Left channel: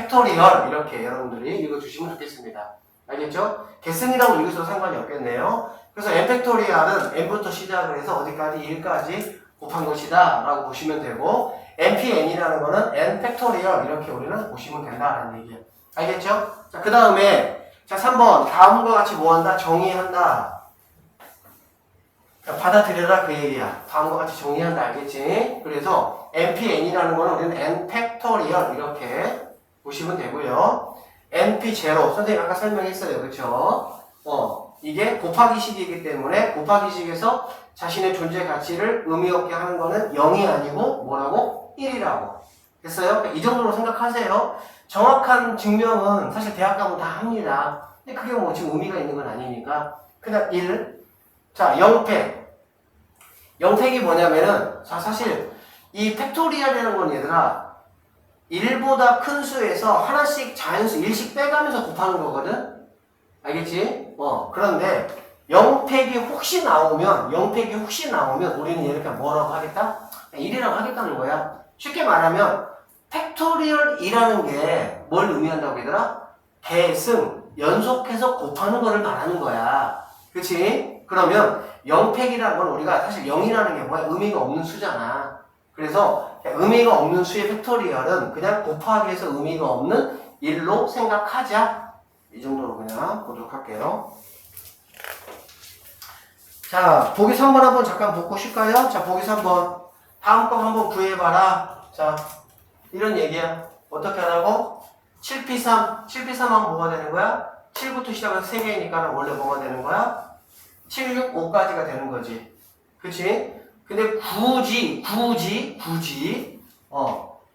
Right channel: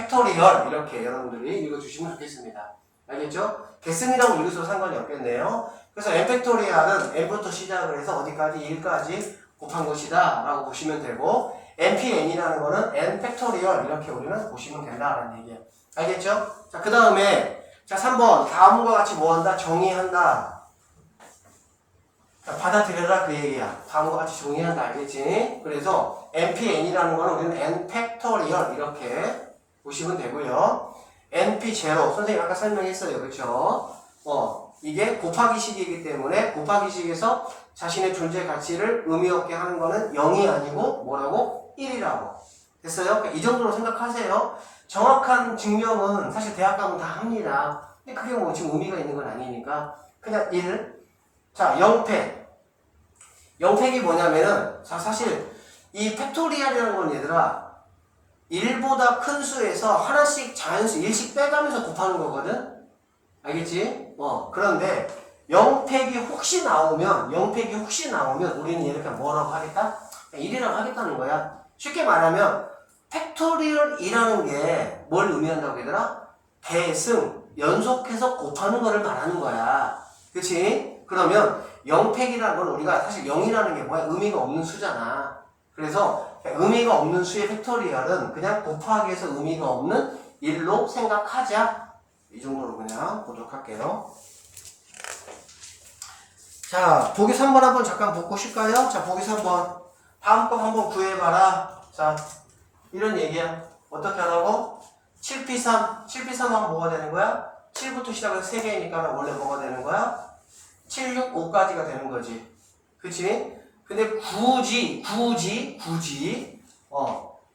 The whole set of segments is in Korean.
팩토리얼 이렇게 여러분들이 읽어주시면 좋겠습니다. 알겠죠? 개슨이라고 읽으셔도 상관이 없겠네요. 그래서 n 팩토리얼은 n부터 시작을 해서 어디까지 1까지 곱한 것이다 라고 보시면 되고 npn이라는 거는 n 팩토리얼 이렇게 우리는 보시면 된다라는 얘기예요. 알겠죠? 자, 그 다음에 자 3번 다음과 같이 뭐한다? 정의한다. 받아들여라 그 얘기야. 다음과 같이 정의한다. 알겠지? 그래서 npn이라는 거는 우리는 n 팩토리얼 이렇게 보시면 되고요. np0 선생님 아까 설명했어요. 그렇죠? 이게 곱하기식이기 때문에 곱하기식에서 자신의 존재 가치를 의미 없게 하는 거는 0이 아니고 뭐라고? 1이라고. 됐어요? 그러니까 이 정도로 생각하세요. 정확한 증명은 사실 대학 가면 다 합니다. 근데 그게 뭐 지금 의미가 있는 건 아니니까 그냥 1. 자, 0팩. 0팩이 뭐냐면은 자 사실 이 팩토리얼이라는 건 얘들아 1보다 큰 수에서 하나씩 자연수 1씩 빼가면서 곱하는 거거든? 알겠지? 그런데 0팩이 혹시 나오면 우리는 얘를 그냥 뭐라고 하겠다? 1이라고 하겠다는 거야. 쉽게 말하면 팩토리얼이라는 게 뭘 의미한다고 얘들아? 계승, 연속해서 곱하는 거를 말하는 거야. 그치? 그러면 0팩이라는 건 우리가 사실 0이라는 게 뭐야? 의미가 없는 수잖아. 그래서 의미가 없는 수의 팩토리얼은 그냥 곱하기 해서 의미가 없는 1로 생각하자. 이 정도로 그냥 보도록 할게요. 자, 보기 3번 한번 잠깐 보고 쉴까요? 자, 보기 3번. 다음 거 한번 구해봐라. 자, 이런 얘기야. 어떻게 하라고? 7P3. 7P3하면 뭐가 되는 거야? 7부터 시작해서 3개니까 원래 뭐가 되는 거야? 7, 6, 5까지가 되는 거지. 그치? 근데 굳이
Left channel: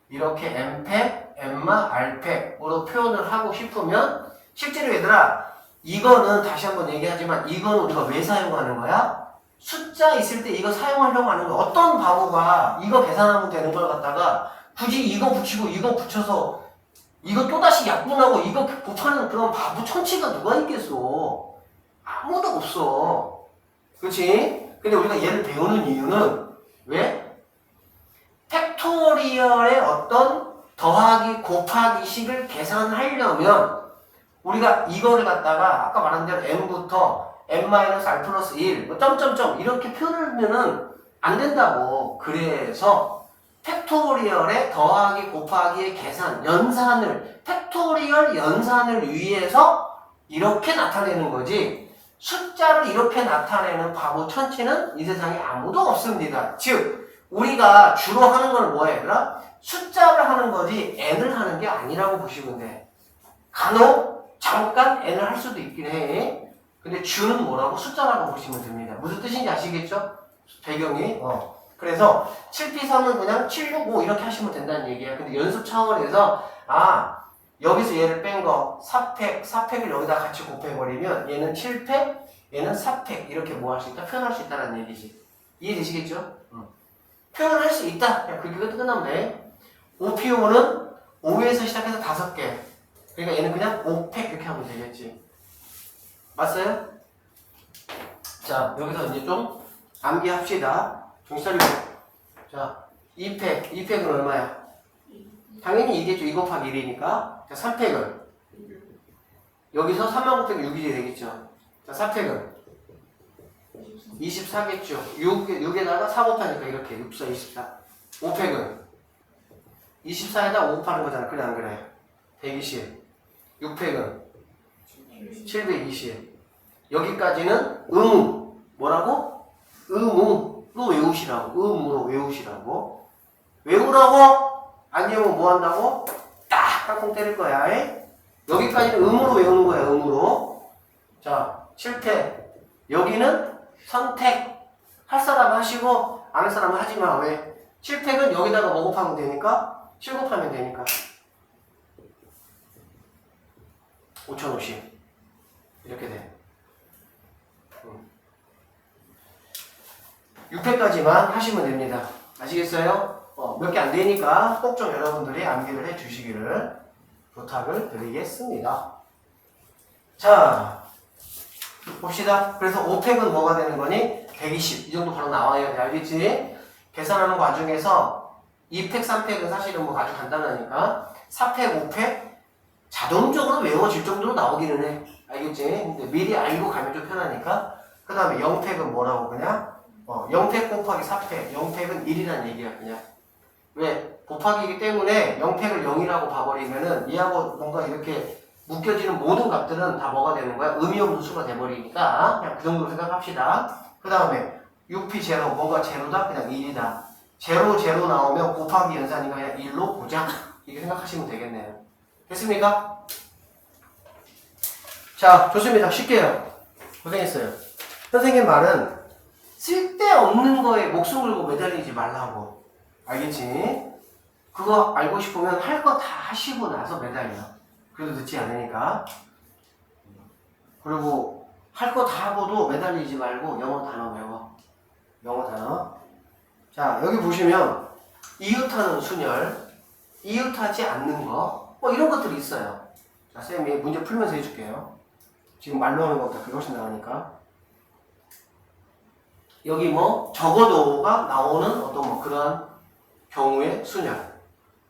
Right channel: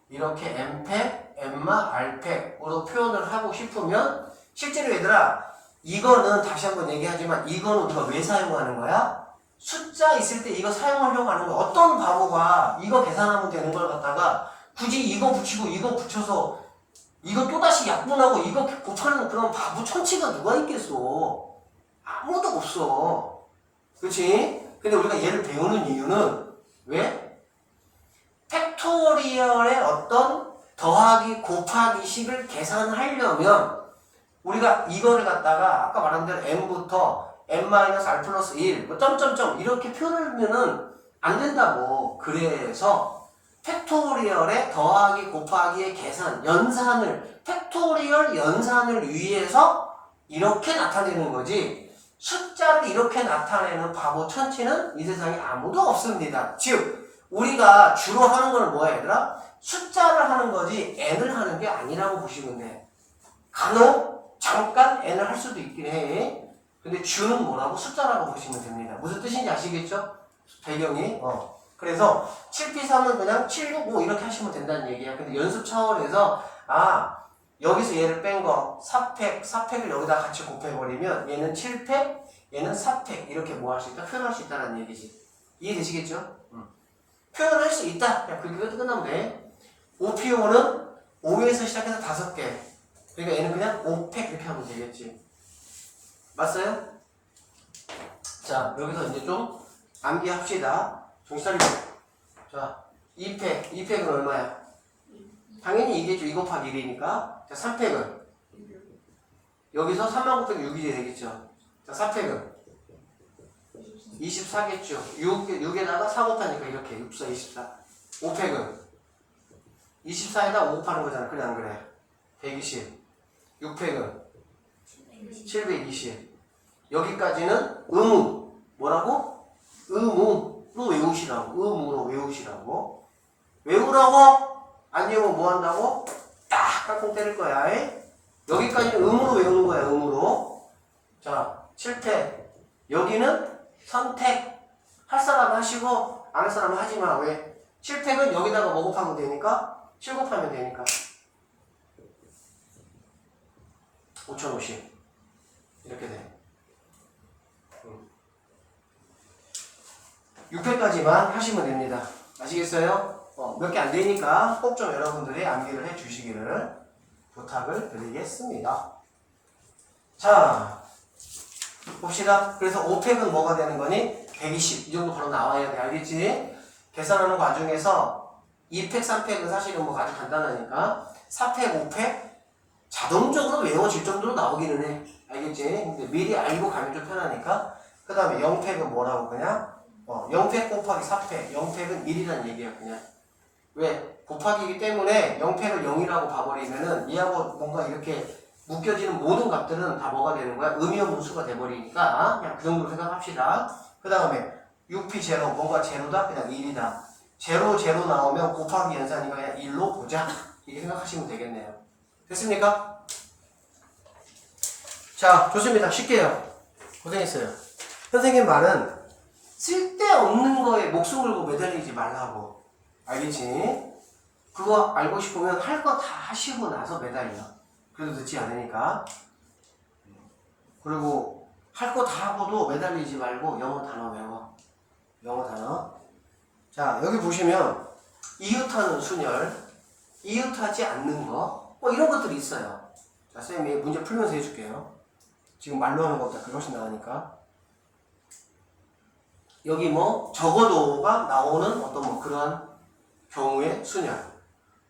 이렇게 M팩, M마, R팩으로 표현을 하고 싶으면 실제로 얘들아 이거는 다시 한번 얘기하지만 이거는 우리가 왜 사용하는 거야? 숫자 있을 때 이거 사용하려고 하는 거야. 어떤 바보가 이거 계산하면 되는 걸 갖다가 굳이 이거 붙이고 이거 붙여서 이거 또다시 약분하고 이거 곱하는 그런 바보 천치가 누가 있겠어? 아무도 없어. 그치? 근데 우리가 얘를 배우는 이유는 왜? 팩토리얼의 어떤 더하기 곱하기 식을 계산하려면 우리가 이거를 갖다가 아까 말한 대로 n부터 n-r 플러스 1 뭐 점점점 이렇게 표현하면은 안 된다고. 그래서 팩토리얼의 더하기 곱하기의 계산 연산을 팩토리얼 연산을 위해서 이렇게 나타내는 거지 숫자를 이렇게 나타내는 바보 천치는 이 세상에 아무도 없습니다. 즉 우리가 주로 하는 거는 뭐야 얘들아? 숫자를 하는 거지 n을 하는 게 아니라고 보시면 돼. 간혹 잠깐 n을 할 수도 있긴 해. 근데 주는 뭐라고? 숫자라고 보시면 됩니다. 무슨 뜻인지 아시겠죠? 배경이. 그래서 7P3은 그냥 7, 6, 5 이렇게 하시면 된다는 얘기야. 근데 연습 차원에서 여기서 얘를 뺀 거 4팩을 여기다 같이 곱해버리면 얘는 7팩, 얘는 4팩 이렇게 뭐 할 수 있다? 표현할 수 있다는 얘기지. 이해되시겠죠? 표현할 수 있다. 그냥 그렇게 끝나면 돼. 5P5는 5에서 시작해서 5개. 그러니까 얘는 그냥 5팩 이렇게 하면 되겠지. 맞어요? 자, 여기서 이제 좀 암기합시다. 정신 차리고. 자, 2팩은 얼마야? 당연히 이겠죠. 2 곱하기 1이니까. 자, 3팩은? 여기서 3만 곱하기 6이 되겠죠. 자, 4팩은? 24겠죠. 6에다가 4 곱하니까 이렇게 6, 4, 24. 5팩은? 24에다 5 곱하는 거잖아. 그래, 안 그래? 120. 6팩은? 720. 여기까지는 의무. 뭐라고? 의무로 외우시라고. 의무로 외우시라고. 외우라고? 안 외우면 뭐 한다고? 딱 깡통 때릴 거야. 여기까지는 의무로 외우는 거야. 의무로. 자, 7팩. 여기는 선택. 할 사람 하시고 안 할 사람은 하지 마. 왜? 7팩은 여기다가 뭐 곱하면 되니까? 7 곱하면 되니까. 5050. 이렇게 돼. 6회까지만 하시면 됩니다. 아시겠어요? 몇 개 안 되니까 꼭 좀 여러분들이 암기를 해 주시기를 부탁을 드리겠습니다. 자, 봅시다. 그래서 5팩은 뭐가 되는 거니? 120. 이 정도 바로 나와야 돼. 알겠지? 계산하는 과정에서 2팩, 3팩은 사실은 뭐 아주 간단하니까 4팩, 5팩, 자동적으로 외워질 정도로 나오기는 해. 알겠지? 근데 미리 알고 가면 좀 편하니까. 그 다음에 0팩은 뭐라고 그냥? 0팩 곱하기 4팩. 0팩은 1이란 얘기야, 그냥. 왜? 곱하기이기 때문에 0팩을 0이라고 봐버리면은 이하고 뭔가 이렇게 묶여지는 모든 값들은 다 뭐가 되는 거야? 의미 없는 수가 돼버리니까 그냥 그 정도로 생각합시다. 그 다음에 6p 제로, 뭐가 제로다? 그냥 1이다. 제로 나오면 곱하기 연산이니까 그냥 1로 보자. 이렇게 생각하시면 되겠네요. 됐습니까? 자, 좋습니다. 쉽게요. 고생했어요. 선생님 말은 쓸데없는 거에 목숨 걸고 매달리지 말라고. 알겠지? 그거 알고 싶으면 할 거 다 하시고 나서 매달려. 그래도 늦지 않으니까. 그리고 할 거 다 하고도 매달리지 말고 영어 단어 외워. 영어 단어. 자, 여기 보시면 이웃하는 순열, 이웃하지 않는 거, 뭐 이런 것들이 있어요. 자, 쌤이 문제 풀면서 해줄게요. 지금 말로 하는 것보다 그게 훨씬 나으니까. 여기 뭐 적어도가 나오는 어떤 뭐 그런 경우의 순열,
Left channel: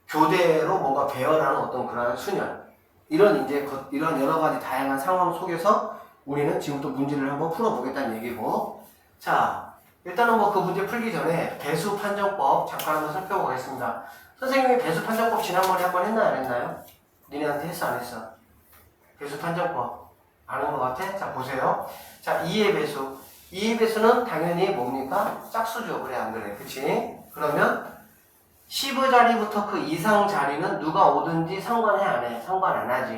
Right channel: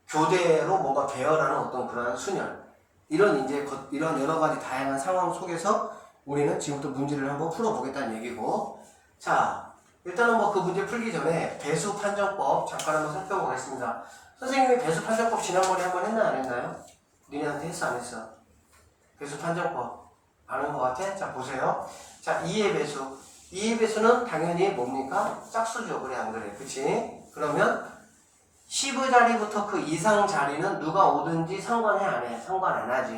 교대로 뭔가 배열하는 어떤 그런 순열, 이런 여러 가지 다양한 상황 속에서 우리는 지금부터 문제를 한번 풀어보겠다는 얘기고. 자, 일단은 뭐 그 문제 풀기 전에 배수 판정법 잠깐 한번 살펴보겠습니다. 선생님이 배수 판정법 지난번에 한번 했나 안 했나요? 니네한테 했어 안 했어? 배수 판정법 아는 것 같아? 자, 보세요. 자, 2의 배수. 2의 배수는 당연히 뭡니까? 짝수죠. 그래 안 그래? 그치? 그러면 10의 자리부터 그 이상 자리는 누가 오든지 상관해 안 해? 상관 안 하지.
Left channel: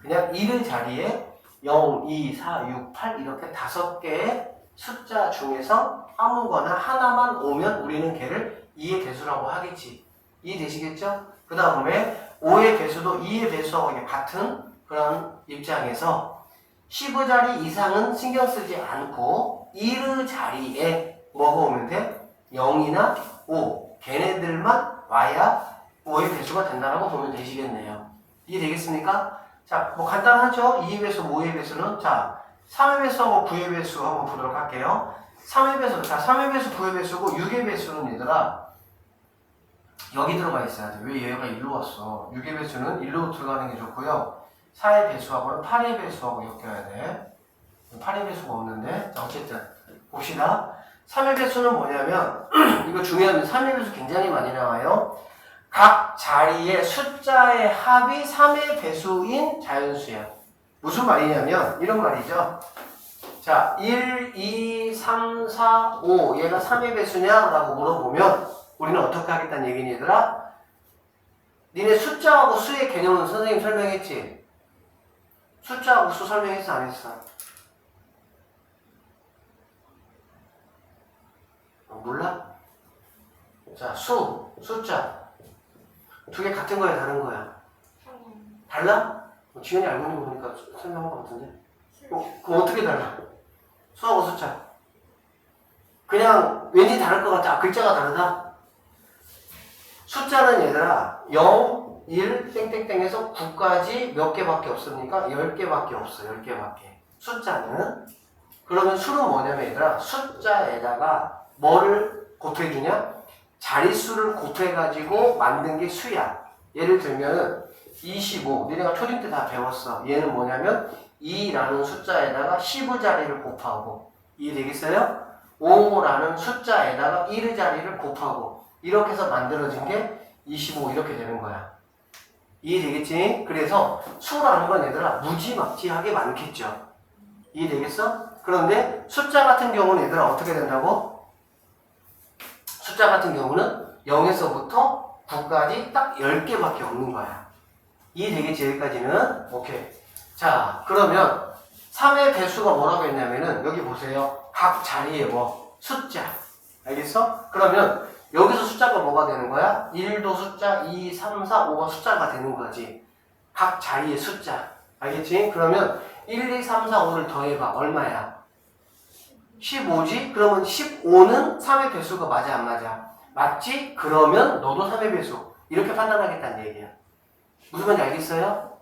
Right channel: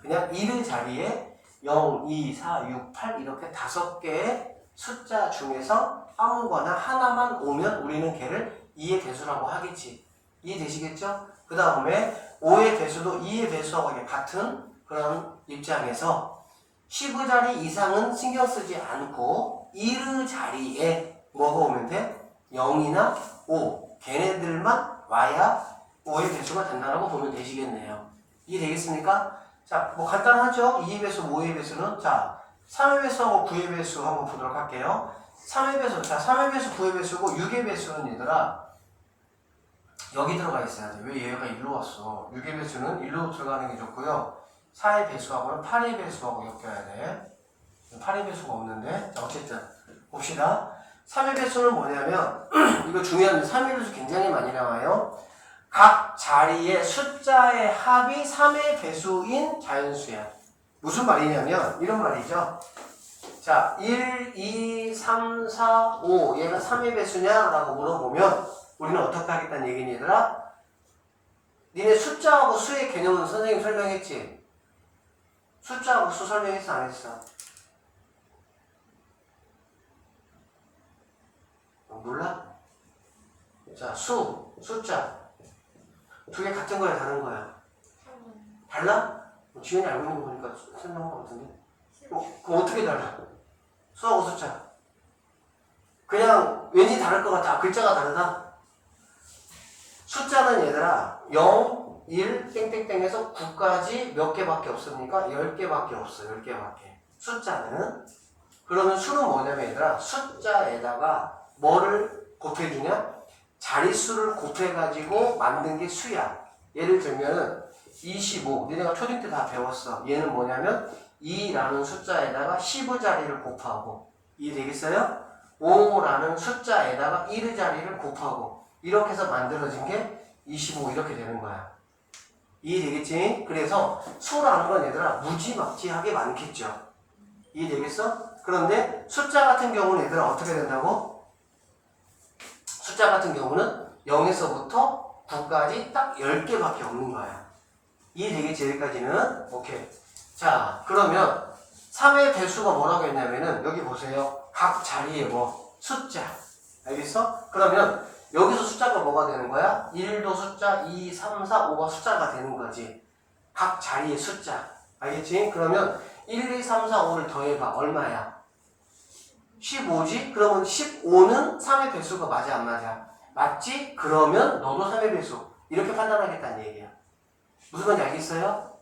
그냥 1의 자리에 0, 2, 4, 6, 8 이렇게 5개의 숫자 중에서 아무거나 하나만 오면 우리는 걔를 2의 배수라고 하겠지. 이해되시겠죠? 그 다음에 5의 배수도 2의 배수하고 같은 그런 입장에서 10의 자리 이상은 신경 쓰지 않고 1의 자리에 뭐가 오면 돼? 0이나 5 걔네들만 와야 5의 배수가 된다고 보면 되시겠네요. 이해되겠습니까? 자, 뭐 간단하죠? 2의 배수, 5의 배수는. 자, 3의 배수하고 9의 배수 한번 보도록 할게요. 3의 배수, 자, 3의 배수, 9의 배수고 6의 배수는 얘들아 여기 들어가 있어야 돼. 왜 얘가 1로 왔어? 6의 배수는 1로 들어가는 게 좋고요. 4의 배수하고는 8의 배수하고 엮여야 돼. 8의 배수가 없는데. 자, 어쨌든 봅시다. 3의 배수는 뭐냐면 이거 중요한데 3의 배수 굉장히 많이 나와요. 각 자리의 숫자의 합이 3의 배수인 자연수야. 무슨 말이냐면 이런 말이죠. 자, 1, 2, 3, 4, 5 얘가 3의 배수냐? 라고 물어보면 우리는 어떻게 하겠다는 얘기니 얘들아? 니네 숫자하고 수의 개념은 선생님 설명했지? 숫자하고 수 설명했어 안 했어? 몰라? 자, 숫자 두 개 같은 거야 다른 거야? 달라? 지연이 알고 있는 거 보니까 설명한 거 같은데? 그럼 어떻게 달라? 수하고 숫자 그냥 왠지 다를 것 같아. 글자가 다르다? 숫자는 얘들아 0, 1, 땡땡땡에서 9까지 몇 개밖에 없습니까? 10개밖에 없어. 10개밖에. 숫자는. 그러면 수는 뭐냐면 얘들아 숫자에다가 뭐를 곱해주냐? 자릿수를 곱해가지고 만든 게 수야. 예를 들면은 25. 너네가 초딩 때 다 배웠어. 얘는 뭐냐면 2라는 숫자에다가 10의 자리를 곱하고. 이해되겠어요? 5라는 숫자에다가 1의 자리를 곱하고. 이렇게 해서 만들어진 게 25 이렇게 되는 거야. 이해되겠지? 그래서 수라는 건 얘들아 무지막지하게 많겠죠. 이해되겠어? 그런데 숫자 같은 경우는 얘들아 어떻게 된다고? 숫자 같은 경우는 0에서부터 9까지 딱 10개밖에 없는 거야. 이해되겠지? 여기까지는? 오케이. 자, 그러면 3의 배수가 뭐라고 했냐면은 여기 보세요. 각 자리에 뭐? 숫자. 알겠어? 그러면 여기서 숫자가 뭐가 되는 거야? 1도 숫자, 2, 3, 4, 5가 숫자가 되는 거지. 각 자리의 숫자. 알겠지? 그러면 1, 2, 3, 4, 5를 더해봐. 얼마야? 15지? 그러면 15는 3의 배수가 맞아 안 맞아? 맞지? 그러면 너도 3의 배수. 이렇게 판단하겠다는 얘기야. 무슨 말인지 알겠어요?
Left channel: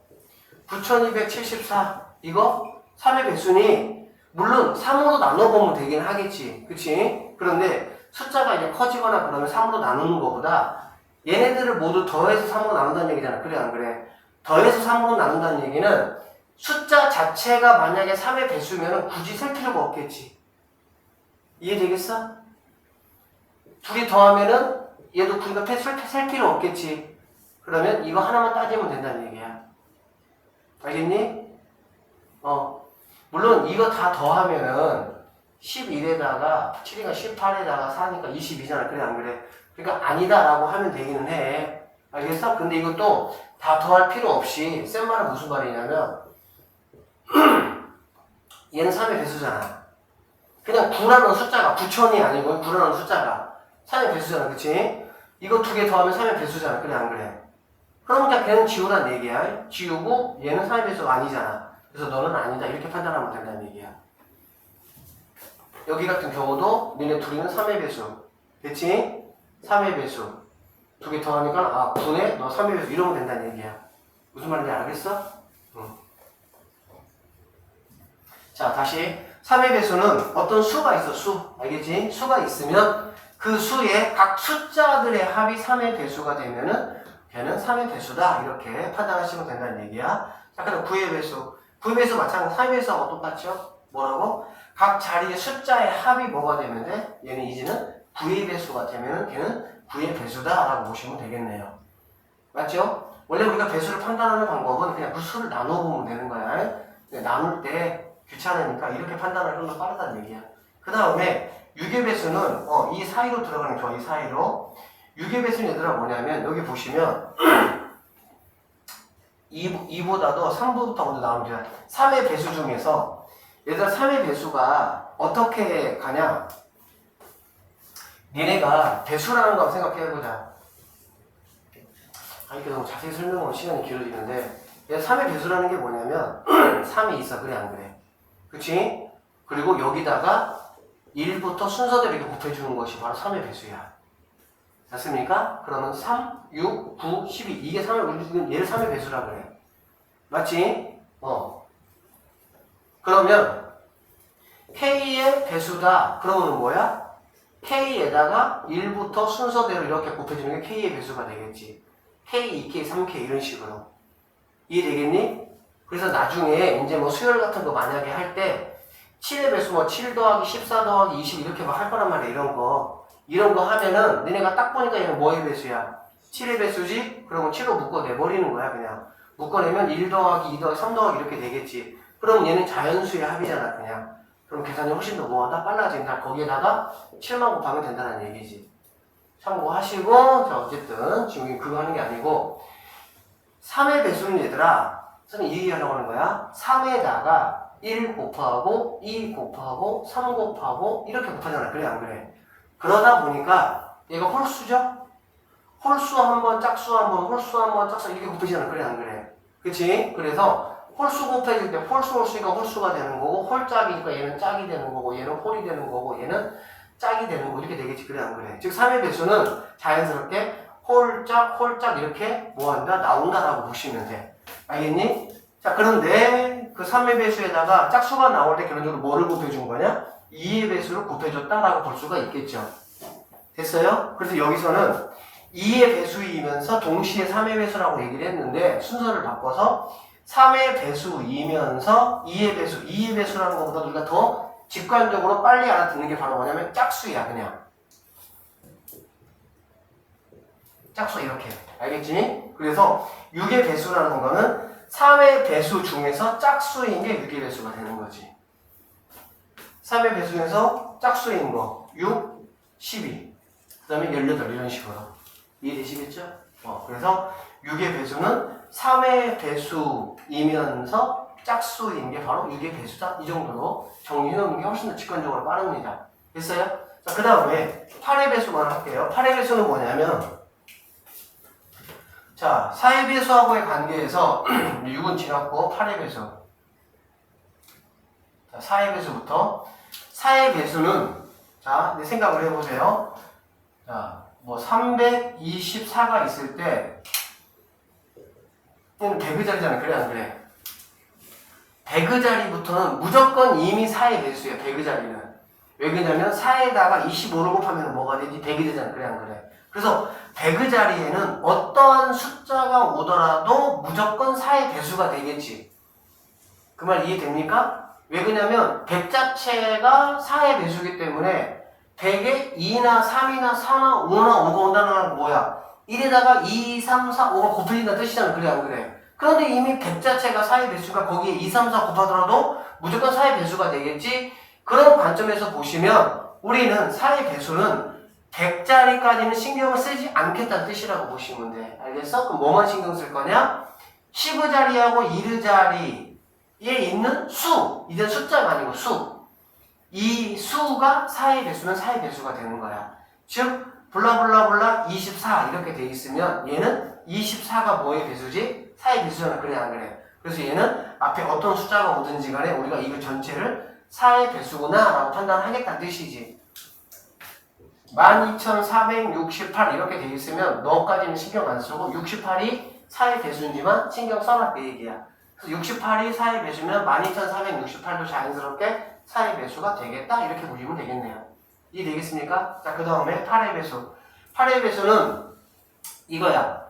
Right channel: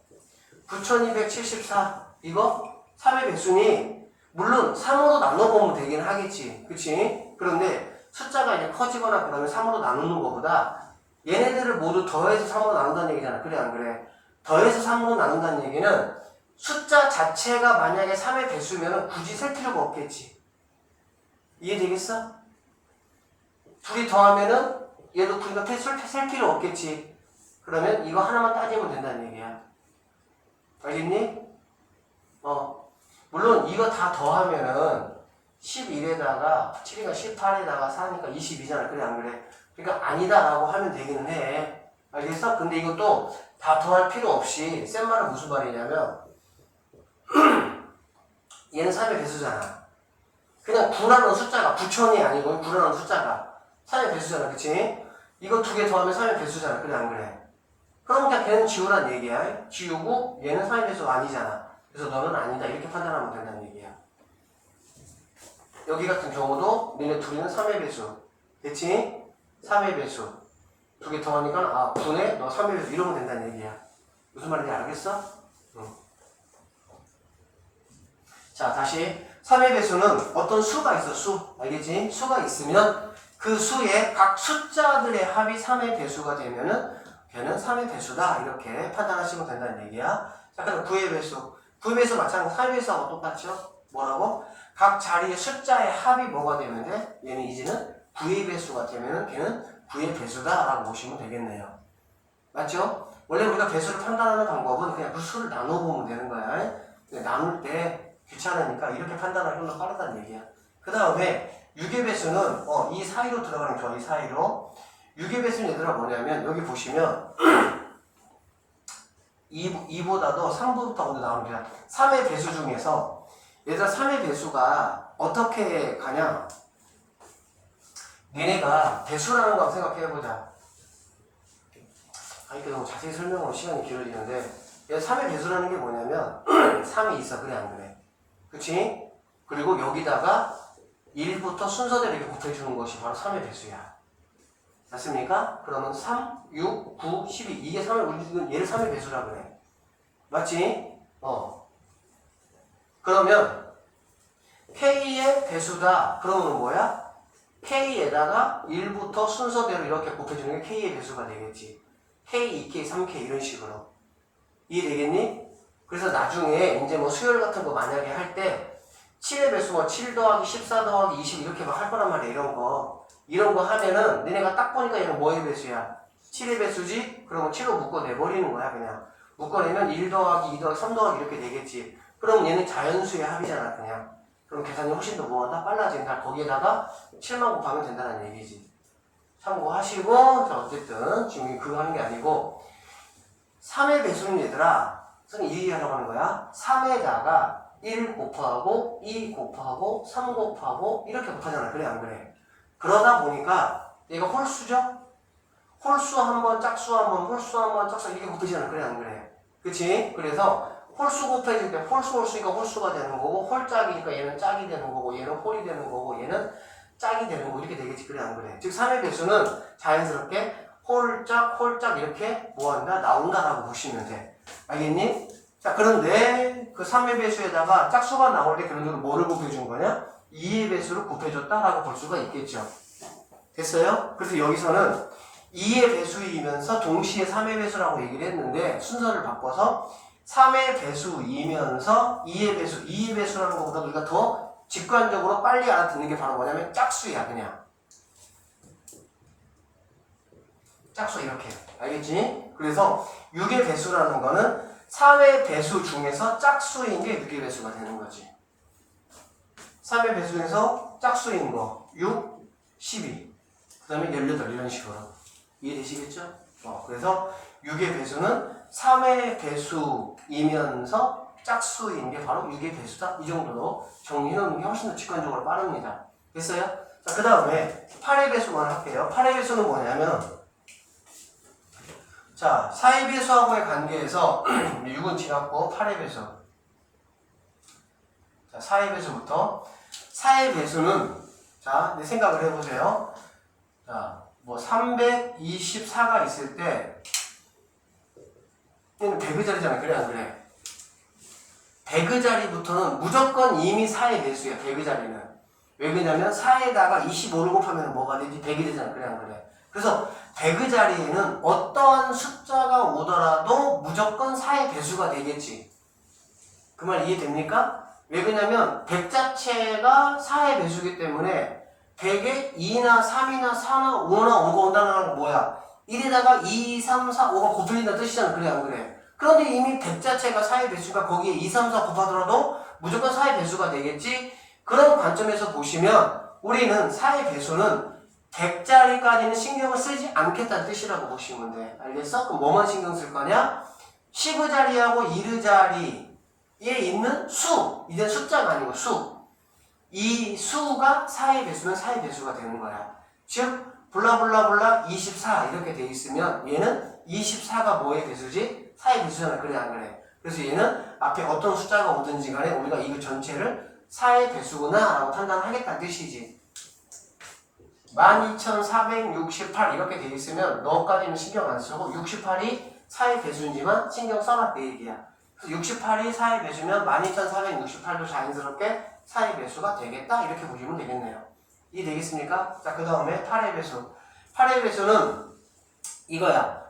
9274 이거 3의 배수니 물론 3으로 나눠보면 되긴 하겠지. 그치? 그런데 숫자가 이제 커지거나 그러면 3으로 나누는 것보다 얘네들을 모두 더해서 3으로 나눈다는 얘기잖아. 그래 안 그래? 더해서 3으로 나눈다는 얘기는 숫자 자체가 만약에 3의 배수면 굳이 쓸 필요가 없겠지. 이해되겠어? 둘이 더하면은 얘도 우리가 셀 필요 없겠지. 그러면 이거 하나만 따지면 된다는 얘기야. 알겠니? 물론 이거 다 더하면은 11에다가 7이가 18에다가 4니까 22잖아. 그래 안 그래? 그러니까 아니다라고 하면 되기는 해. 알겠어? 근데 이것도 다 더할 필요 없이 센 말은 무슨 말이냐면 얘는 3의 배수잖아. 그냥 9라는 숫자가 9천이 아니고 9라는 숫자가 3의 배수잖아. 그치? 이거 두 개 더하면 3의 배수잖아. 그래 안 그래? 그럼 그냥 걔는 지우란 얘기야. 지우고 얘는 3의 배수가 아니잖아. 그래서 너는 아니다. 이렇게 판단하면 된다는 얘기야. 여기 같은 경우도 니네 둘이는 3의 배수. 됐지? 3의 배수. 두 개 더하니까 9네? 너 3의 배수. 이러면 된다는 얘기야. 무슨 말인지 알겠어? 응. 자, 다시 3의 배수는 어떤 수가 있어. 수. 알겠지? 수가 있으면 그 수의 각 숫자들의 합이 3의 배수가 되면은 걔는 3의 배수다. 이렇게 판단하시면 된다는 얘기야. 자, 그럼 9의 배수. 9의 배수 마찬가지 3의 배수하고 똑같죠? 뭐라고? 각 자리의 숫자의 합이 뭐가 되면 돼? 얘는 이제는 9의 배수가 되면은 걔는 9의 배수다. 라고 보시면 되겠네요. 맞죠? 원래 우리가 배수를 판단하는 방법은 그냥 그 수를 나눠보면 되는 거야. 나눌 때 귀찮으니까 이렇게 판단하면 좀 더 빠르다는 얘기야. 그 다음에 6의 배수는 이 사이로 들어가는 게 좋아. 이 사이로. 6의 배수는 얘들아 뭐냐면 여기 보시면 2보다도 3보부터 먼저 나오면 돼요. 3의 배수 중에서 얘들아 3의 배수가 어떻게 가냐? 얘네가 배수라는 거 생각해보자. 이렇게 너무 자세히 설명하면 시간이 길어지는데 얘 3의 배수라는 게 뭐냐면 3이 있어. 그래 안 그래? 그치? 그리고 여기다가 1부터 순서대로 이렇게 곱해주는 것이 바로 3의 배수야. 맞습니까? 그러면 3, 6, 9, 12 이게 3의, 얘를 3의 배수라고 그래. 맞지? 그러면 K의 배수다. 그러면 뭐야? K에다가 1부터 순서대로 이렇게 곱해주는 게 K의 배수가 되겠지. K, 2K, 3K 이런 식으로. 이해되겠니? 그래서 나중에 이제 뭐 수열 같은 거 만약에 할 때 7의 배수 뭐 7 더하기 14 더하기 20 이렇게 막 할 거란 말이야. 이런 거 하면은 너네가 딱 보니까 얘는 뭐의 배수야? 7의 배수지? 그러면 7로 묶어내버리는 거야. 그냥 묶어내면 1 더하기 2 더하기 3 더하기 이렇게 되겠지. 그럼 얘는 자연수의 합이잖아. 그냥 그럼 계산이 훨씬 더 뭐하다? 빨라진다. 거기에다가 7만 곱하면 된다는 얘기지. 참고하시고 자 어쨌든 지금 그거 하는 게 아니고 3의 배수는 얘들아 선생님 이 얘기하려고 하는 거야. 3에다가 1 곱하고 2 곱하고 3 곱하고 이렇게 곱하잖아. 그래 안 그래? 그러다 보니까 얘가 홀수죠? 홀수 한번 짝수 한번 홀수 한번 짝수 이렇게 곱해지잖아. 그래 안 그래? 그치? 그래서 홀수 곱해질 때 홀수니까 홀수가 되는 거고 홀짝이니까 얘는 짝이 되는 거고 얘는 홀이 되는 거고 얘는 짝이 되는 거고 이렇게 되겠지. 그래 안 그래? 즉 3의 배수는 자연스럽게 홀짝 이렇게 뭐한다? 나온다라고 보시면 돼. 알겠니? 자 그런데 그 3의 배수에다가 짝수가 나올 때 그런 식으로 뭐를 곱해준 거냐? 2의 배수를 곱해줬다라고 볼 수가 있겠죠. 됐어요? 그래서 여기서는 2의 배수이면서 동시에 3의 배수라고 얘기를 했는데 순서를 바꿔서 3의 배수이면서 2의 배수, 2의 배수라는 것보다 우리가 더 직관적으로 빨리 알아듣는 게 바로 뭐냐면 짝수야. 그냥 짝수 이렇게 알겠지? 그래서 6의 배수라는 거는 3의 배수 중에서 짝수인 게 6의 배수가 되는 거지. 3의 배수 중에서 짝수인 거 6, 12 그 다음에 18 이런 식으로 이해되시겠죠? 그래서 6의 배수는 3의 배수이면서 짝수인 게 바로 6의 배수다. 이 정도로 정리해놓는 게 훨씬 더 직관적으로 빠릅니다. 됐어요? 자, 그 다음에 8의 배수만 할게요. 8의 배수는 뭐냐면 자, 4의 배수하고의 관계에서 6은 지났고 8의 배수. 자, 4의 배수부터 4의 배수는 자, 내 생각을 해보세요. 자, 뭐 324가 있을 때 얘는 100의 자리잖아. 그래 안 그래? 100의 자리부터는 무조건 이미 4의 배수야. 100의 자리는. 왜 그러냐면 4에다가 25를 곱하면 뭐가 되지? 100이 되잖아. 그래 안 그래? 그래서 배그 자리에는 어떠한 숫자가 오더라도 무조건 4의 배수가 되겠지. 그 말 이해됩니까? 왜 그러냐면 100 자체가 4의 배수이기 때문에 100에 2나 3이나 4나 5나 5가 온다는 건 뭐야? 1에다가 2, 3, 4, 5가 곱해진다는 뜻이잖아. 그래 안 그래? 그런데 이미 100 자체가 4의 배수가 거기에 2, 3, 4 곱하더라도 무조건 4의 배수가 되겠지? 그런 관점에서 보시면 우리는 4의 배수는 100자리까지는 신경을 쓰지 않겠다는 뜻이라고 보시면 돼. 알겠어? 그럼 뭐만 신경 쓸 거냐? 10자리하고 1자리에 있는 수. 이젠 숫자가 아니고 수. 이 수가 4의 배수면 4의 배수가 되는 거야. 즉 블라블라블라 24 이렇게 돼 있으면 얘는 24가 뭐의 배수지? 4의 배수잖아. 그래 안 그래? 그래서 얘는 앞에 어떤 숫자가 오든지 간에 우리가 이거 전체를 4의 배수구나 라고 판단하겠다는 뜻이지. 12468 이렇게 돼 있으면 너까지는 신경 안 쓰고 68이 4의 배수인지만 신경 써라 그 얘기야. 그래서 68이 4의 배수면 12468도 자연스럽게 4의 배수가 되겠다 이렇게 보시면 되겠네요. 이해되겠습니까? 자, 그 다음에 8의 배수. 8의 배수는 이거야.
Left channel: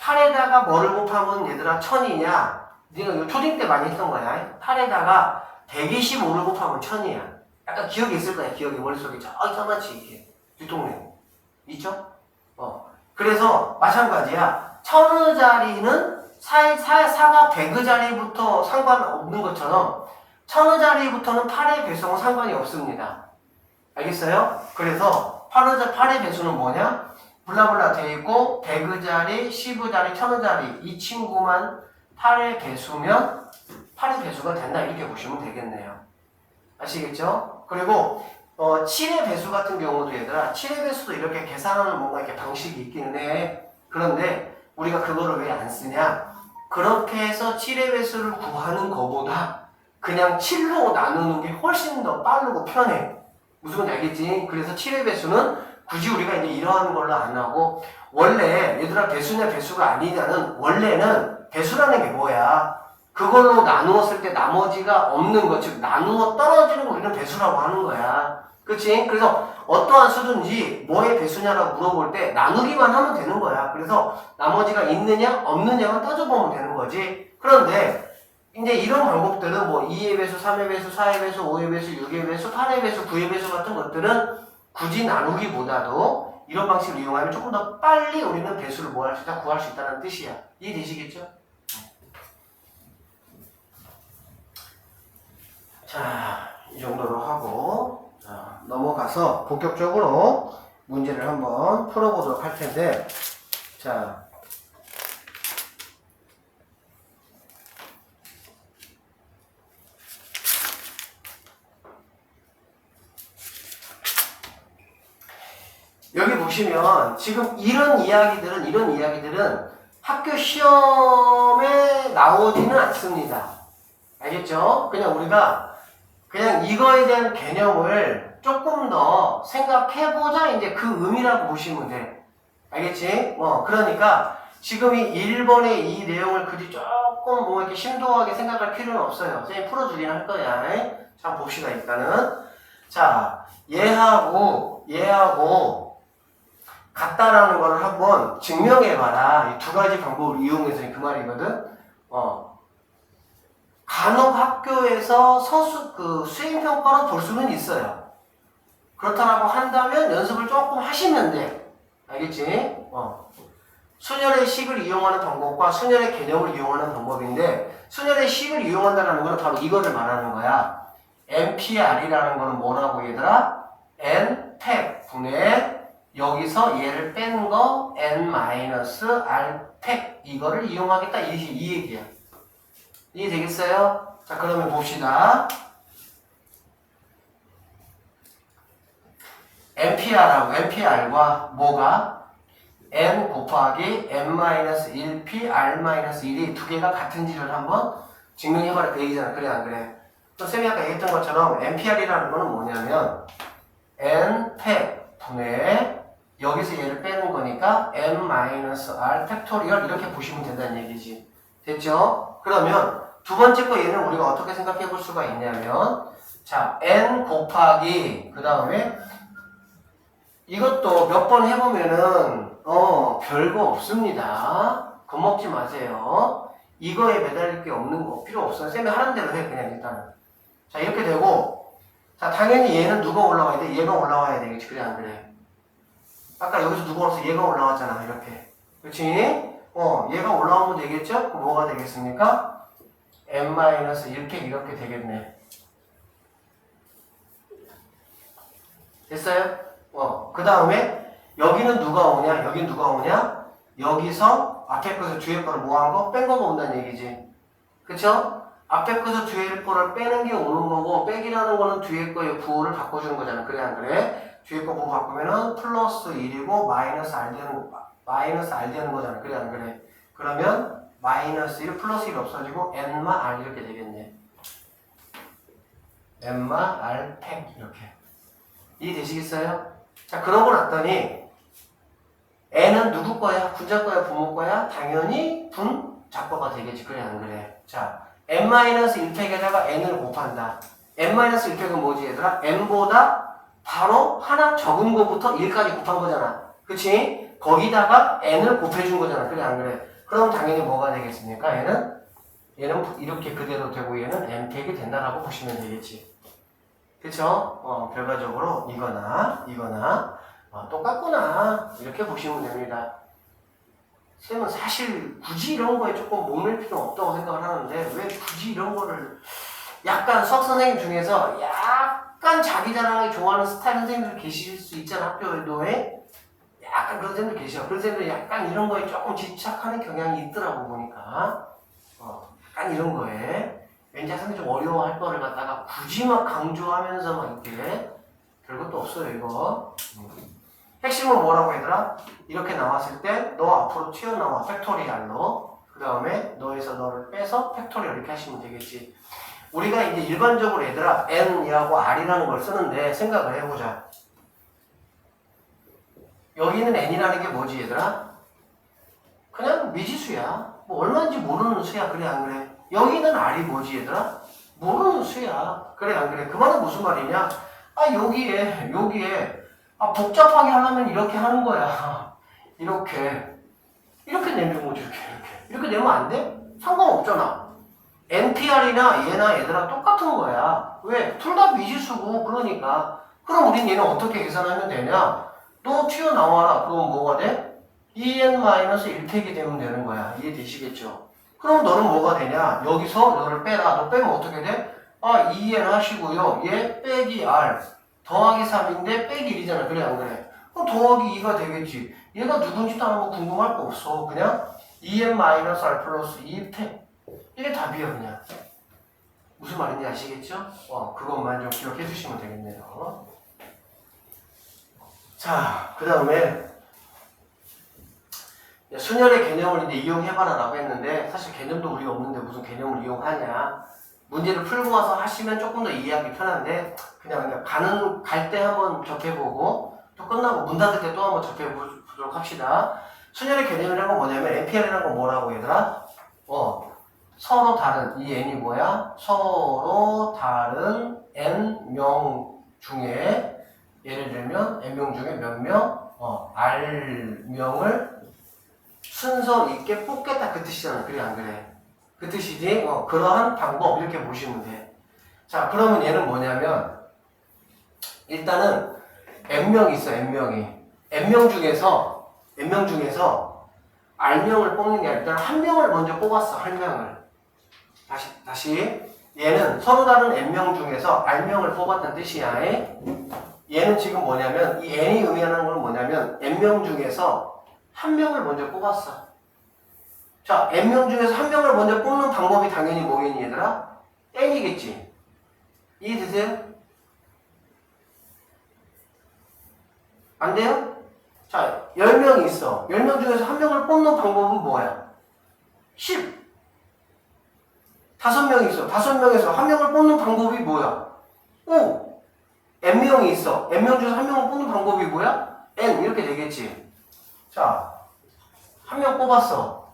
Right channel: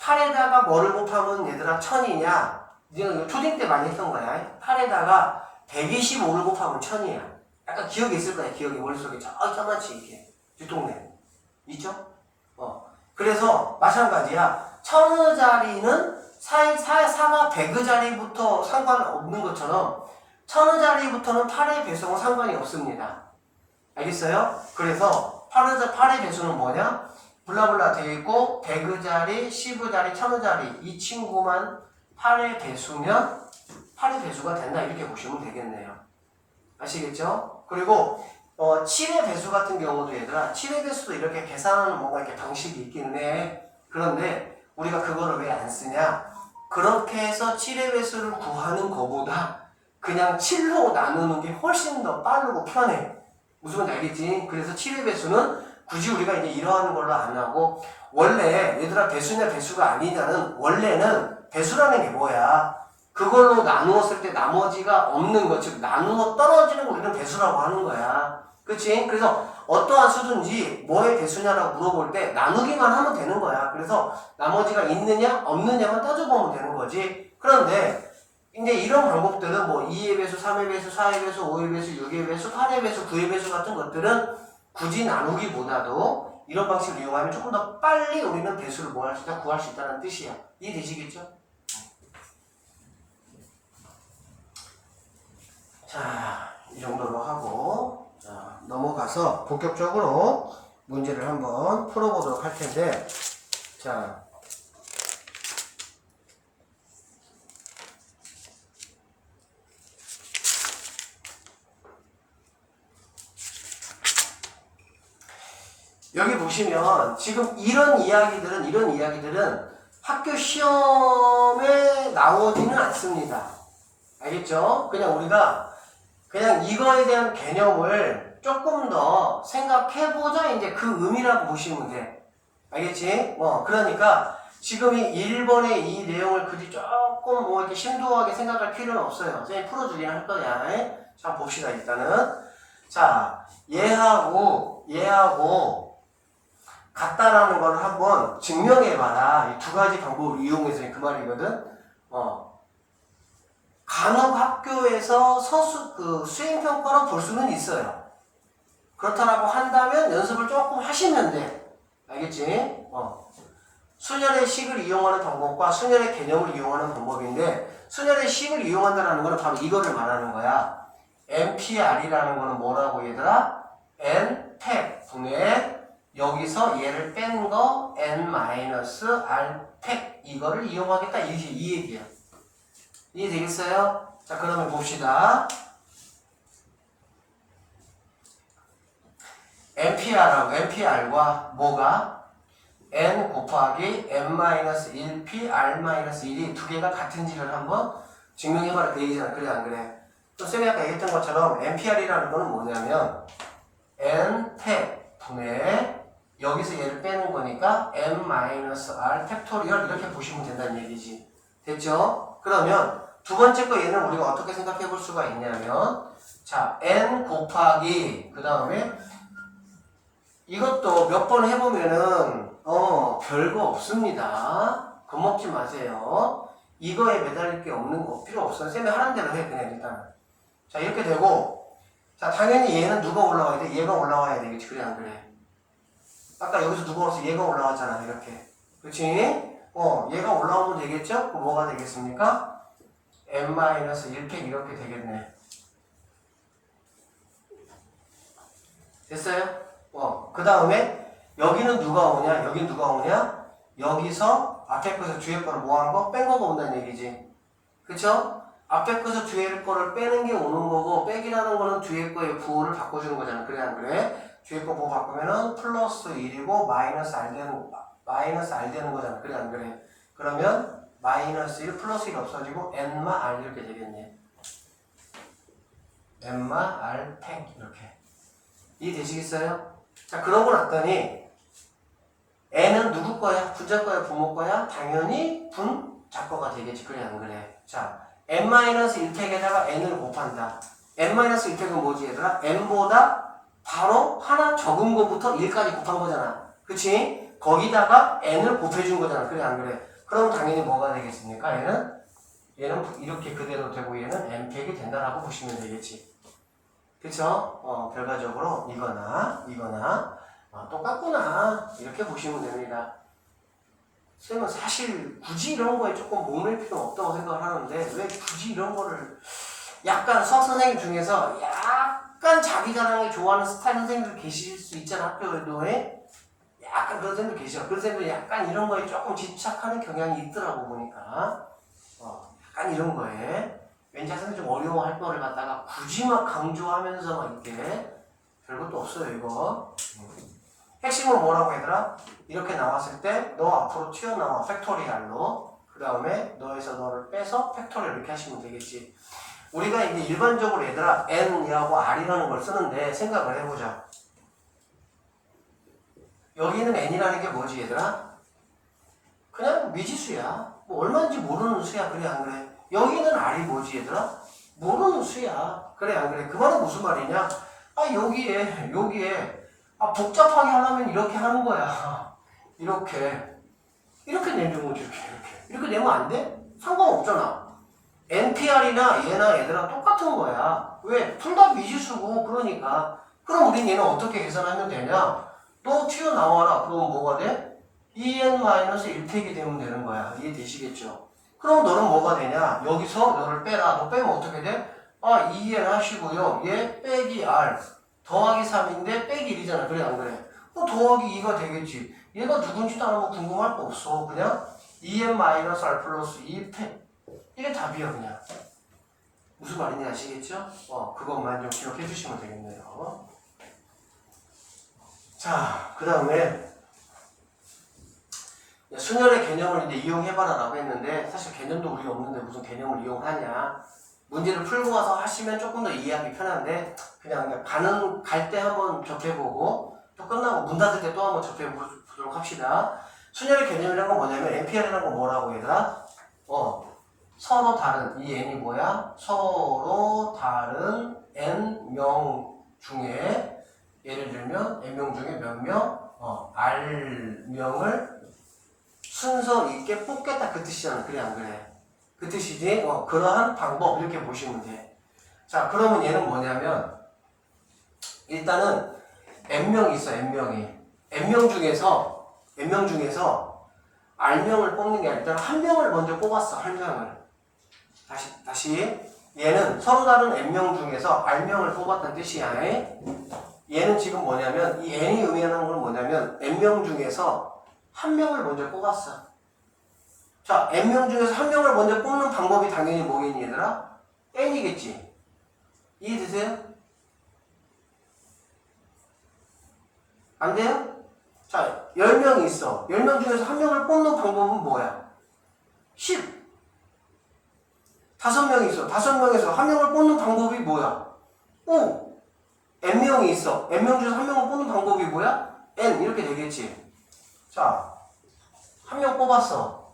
8에다가 뭐를 곱하면 얘들아 1000이냐? 네가 이거 초딩 때 많이 했던 거야. 8에다가 125를 곱하면 1000이야. 약간 기억이 있을 거야. 기억이 머릿속에 저만치 이렇게 뒷동네 있죠? 그래서 마찬가지야. 1000자리는 4가 100자리부터 상관없는 것처럼 1000자리부터는 8의 배수하고 상관이 없습니다. 알겠어요? 그래서 8의 배수는 뭐냐? 블라블라 돼 있고 100자리, 10자리, 1000자리 이 친구만 8의 배수면 8의 배수가 된다 이렇게 보시면 되겠네요. 아시겠죠? 그리고 7의 배수 같은 경우도 얘들아 7의 배수도 이렇게 계산하는 뭔가 이렇게 방식이 있기는 해. 그런데 우리가 그거를 왜 안 쓰냐? 그렇게 해서 7의 배수를 구하는 것보다 그냥 7로 나누는 게 훨씬 더 빠르고 편해. 무슨 말인지 알겠지? 그래서 7의 배수는 굳이 우리가 이제 이러한 걸로 안 하고 원래 얘들아 배수냐 배수가 아니냐는 원래는 배수라는 게 뭐야? 그걸로 나누었을 때 나머지가 없는 거, 즉 나누어 떨어지는 거 우리는 배수라고 하는 거야. 그치? 그래서 어떠한 수든지 뭐의 배수냐라고 물어볼 때 나누기만 하면 되는 거야. 그래서 나머지가 있느냐 없느냐만 따져보면 되는 거지. 그런데 이제 이런 방법들은 뭐 2의 배수, 3의 배수, 4의 배수, 5의 배수, 6의 배수, 8의 배수, 9의 배수 같은 것들은 굳이 나누기보다도 이런 방식을 이용하면 조금 더 빨리 우리는 배수를 뭐 할 수 있다? 구할 수 있다는 뜻이야. 이해되시겠죠? 자, 이 정도로 하고 자, 넘어가서 본격적으로 문제를 한번 풀어보도록 할 텐데 자, 여기 보시면 지금 이런 이야기들은 학교 시험에 나오지는 않습니다. 알겠죠? 그냥 우리가 그냥 이거에 대한 개념을 조금 더 생각해보자 이제 그 의미라고 보시면 돼. 알겠지? 그러니까 지금 이 1번의 이 내용을 그리 조금 뭐 이렇게 심도하게 생각할 필요는 없어요. 선생님 풀어주긴 할 거야. 자, 한번 봅시다, 일단은. 자, 얘하고 같다라는 걸 한번 증명해봐라. 이 두 가지 방법을 이용해서 그 말이거든. 간혹 학교에서 수행평가로 볼 수는 있어요. 그렇다라고 한다면 연습을 조금 하시면 돼. 알겠지? 순열의 식을 이용하는 방법과 순열의 개념을 이용하는 방법인데 순열의 식을 이용한다는 거는 바로 이거를 말하는 거야. NPR이라는 거는 뭐라고 얘들아? N 팩분의 여기서 얘를 뺀 거 N-R 팩 이거를 이용하겠다 이 얘기야. 이해되겠어요? 자, 그러면 봅시다. NPR과 뭐가? N 곱하기 N-1P, R-1이 두 개가 같은지를 한번 증명해봐라 그 얘기잖아. 그래 안 그래? 또 쌤이 아까 얘기했던 것처럼 NPR이라는 거는 뭐냐면 N-팩 분의 여기서 얘를 빼는 거니까 N-R 팩토리얼 이렇게 보시면 된다는 얘기지. 됐죠? 그러면 두 번째 거 얘는 우리가 어떻게 생각해 볼 수가 있냐면 자, N 곱하기 그 다음에 이것도 몇 번 해보면은 별거 없습니다. 겁먹지 마세요. 이거에 매달릴 게 없는 거 필요 없어. 쌤이 하는 대로 해 그냥 일단은. 자 이렇게 되고 자 당연히 얘는 누가 올라와야 돼? 얘가 올라와야 되겠지. 그래 안 그래? 아까 여기서 누가 올라와서 얘가 올라왔잖아 이렇게. 그렇지? 얘가 올라오면 되겠죠? 그럼 뭐가 되겠습니까? n-1팩 이렇게 되겠네. 됐어요? 그 다음에 여기는 누가 오냐? 여긴 누가 오냐? 여기서 앞에 거에서 뒤에 거를 뭐 한 거? 뺀 거가 온다는 얘기지. 그쵸? 앞에 거에서 뒤에 거를 빼는 게 오는 거고 빼기라는 거는 뒤에 거의 부호를 바꿔주는 거잖아. 그래 안 그래? 뒤에 거 부호 바꾸면은 플러스 1이고 마이너스 R 되는 거잖아. 그래 안 그래? 그러면 마이너스 1 플러스 1 없어지고 n마 R 이렇게 되겠네. n마 R 팩 이렇게. 이해되시겠어요? 자 그러고 났더니 n은 누구 거야? 분자 거야? 부모 거야? 당연히 분자 거가 되겠지. 그래 안 그래? 자 n-1팩에다가 n을 곱한다. n-1팩은 뭐지 얘들아? n보다 바로 하나 적은 거부터 1까지 곱한 거잖아. 그치? 거기다가 n을 곱해준 거잖아. 그래 안 그래? 그럼 당연히 뭐가 되겠습니까? 얘는 이렇게 그대로 되고 얘는 n팩이 된다라고 보시면 되겠지. 그쵸? 결과적으로 이거나 똑같구나 이렇게 보시면 됩니다. 쌤은 사실 굳이 이런 거에 조금 목맬 필요 없다고 생각을 하는데 왜 굳이 이런 거를 약간 수학 선생님 중에서 약간 자기 자랑을 좋아하는 스타일 선생님들 계실 수 있잖아. 학교에도 약간 그런 선생님들 계셔. 그런 선생님들 약간 이런 거에 조금 집착하는 경향이 있더라고 보니까 약간 이런 거에 왠지 학생들 좀 어려워할 거를 갖다가 굳이 막 강조하면서 막 이렇게 별것도 없어요 이거. 핵심은 뭐라고 얘들아? 이렇게 나왔을 때 너 앞으로 튀어나와 팩토리얼로 그 다음에 너에서 너를 빼서 팩토리얼 이렇게 하시면 되겠지. 우리가 이제 일반적으로 얘들아 n이라고 r이라는 걸 쓰는데 생각을 해보자. 여기는 n이라는 게 뭐지 얘들아? 그냥 미지수야. 뭐 얼마인지 모르는 수야. 그래 안 그래? 여기는 r이 뭐지 얘들아? 모르는 수야. 그래 안 그래? 그 말은 무슨 말이냐? 여기에 복잡하게 하려면 이렇게 하는 거야. 이렇게 내면 뭐지 이렇게 내면 안 돼? 상관없잖아. NPR이나 얘나 얘들아 똑같은 거야. 왜? 둘 다 미지수고 그러니까. 그럼 우린 얘는 어떻게 계산하면 되냐? 너 튀어나와라. 그럼 뭐가 돼? 2n-1팩이 되면 되는 거야. 이해되시겠죠? 그럼 너는 뭐가 되냐? 여기서 너를 빼라. 너 빼면 어떻게 돼? 2n 하시고요. 얘 빼기 r 더하기 3인데 빼기 1이잖아. 그래 안 그래? 그럼 더하기 2가 되겠지. 얘가 누군지도 안 하고 궁금할 거 없어. 그냥 2n-r 플러스 2팩. 이게 답이야 그냥. 무슨 말인지 아시겠죠? 그것만 좀 기억해 주시면 되겠네요. 자, 그 다음에 순열의 개념을 이제 이용해봐라 라고 했는데 사실 개념도 우리가 없는데 무슨 개념을 이용하냐. 문제를 풀고 와서 하시면 조금 더 이해하기 편한데 그냥 갈 때 한번 접해보고 또 끝나고 문 닫을 때 또 한번 접해보도록 합시다. 순열의 개념이라는 건 뭐냐면 NPR이라는 건 뭐라고 얘들아? 서로 다른 이 n이 뭐야? 서로 다른 n명 중에 예를 들면 n명 중에 몇 명? r명을 순서 있게 뽑겠다 그 뜻이잖아. 그래 안 그래? 그 뜻이지? 그러한 방법 이렇게 보시면 돼. 자 그러면 얘는 뭐냐면 일단은 n명이 있어. n명 중에서 r명을 뽑는 게 아니라 일단 한 명을 먼저 뽑았어. 한 명을 다시 얘는 서로 다른 n명 중에서 r명을 뽑았다는 뜻이야. 얘는 지금 뭐냐면 이 n이 의미하는 건 뭐냐면 n명 중에서 한 명을 먼저 뽑았어. 자, n명 중에서 한 명을 먼저 뽑는 방법이 당연히 뭐겠니 얘들아? n이겠지. 이해되세요? 안 돼요? 자, 10명이 있어. 10명 중에서 한 명을 뽑는 방법은 뭐야? 10. 5명이 있어. 5명에서 한 명을 뽑는 방법이 뭐야? 5. n명이 있어. n명 중에서 한 명을 뽑는 방법이 뭐야? n. 이렇게 되겠지. 자, 한 명 뽑았어.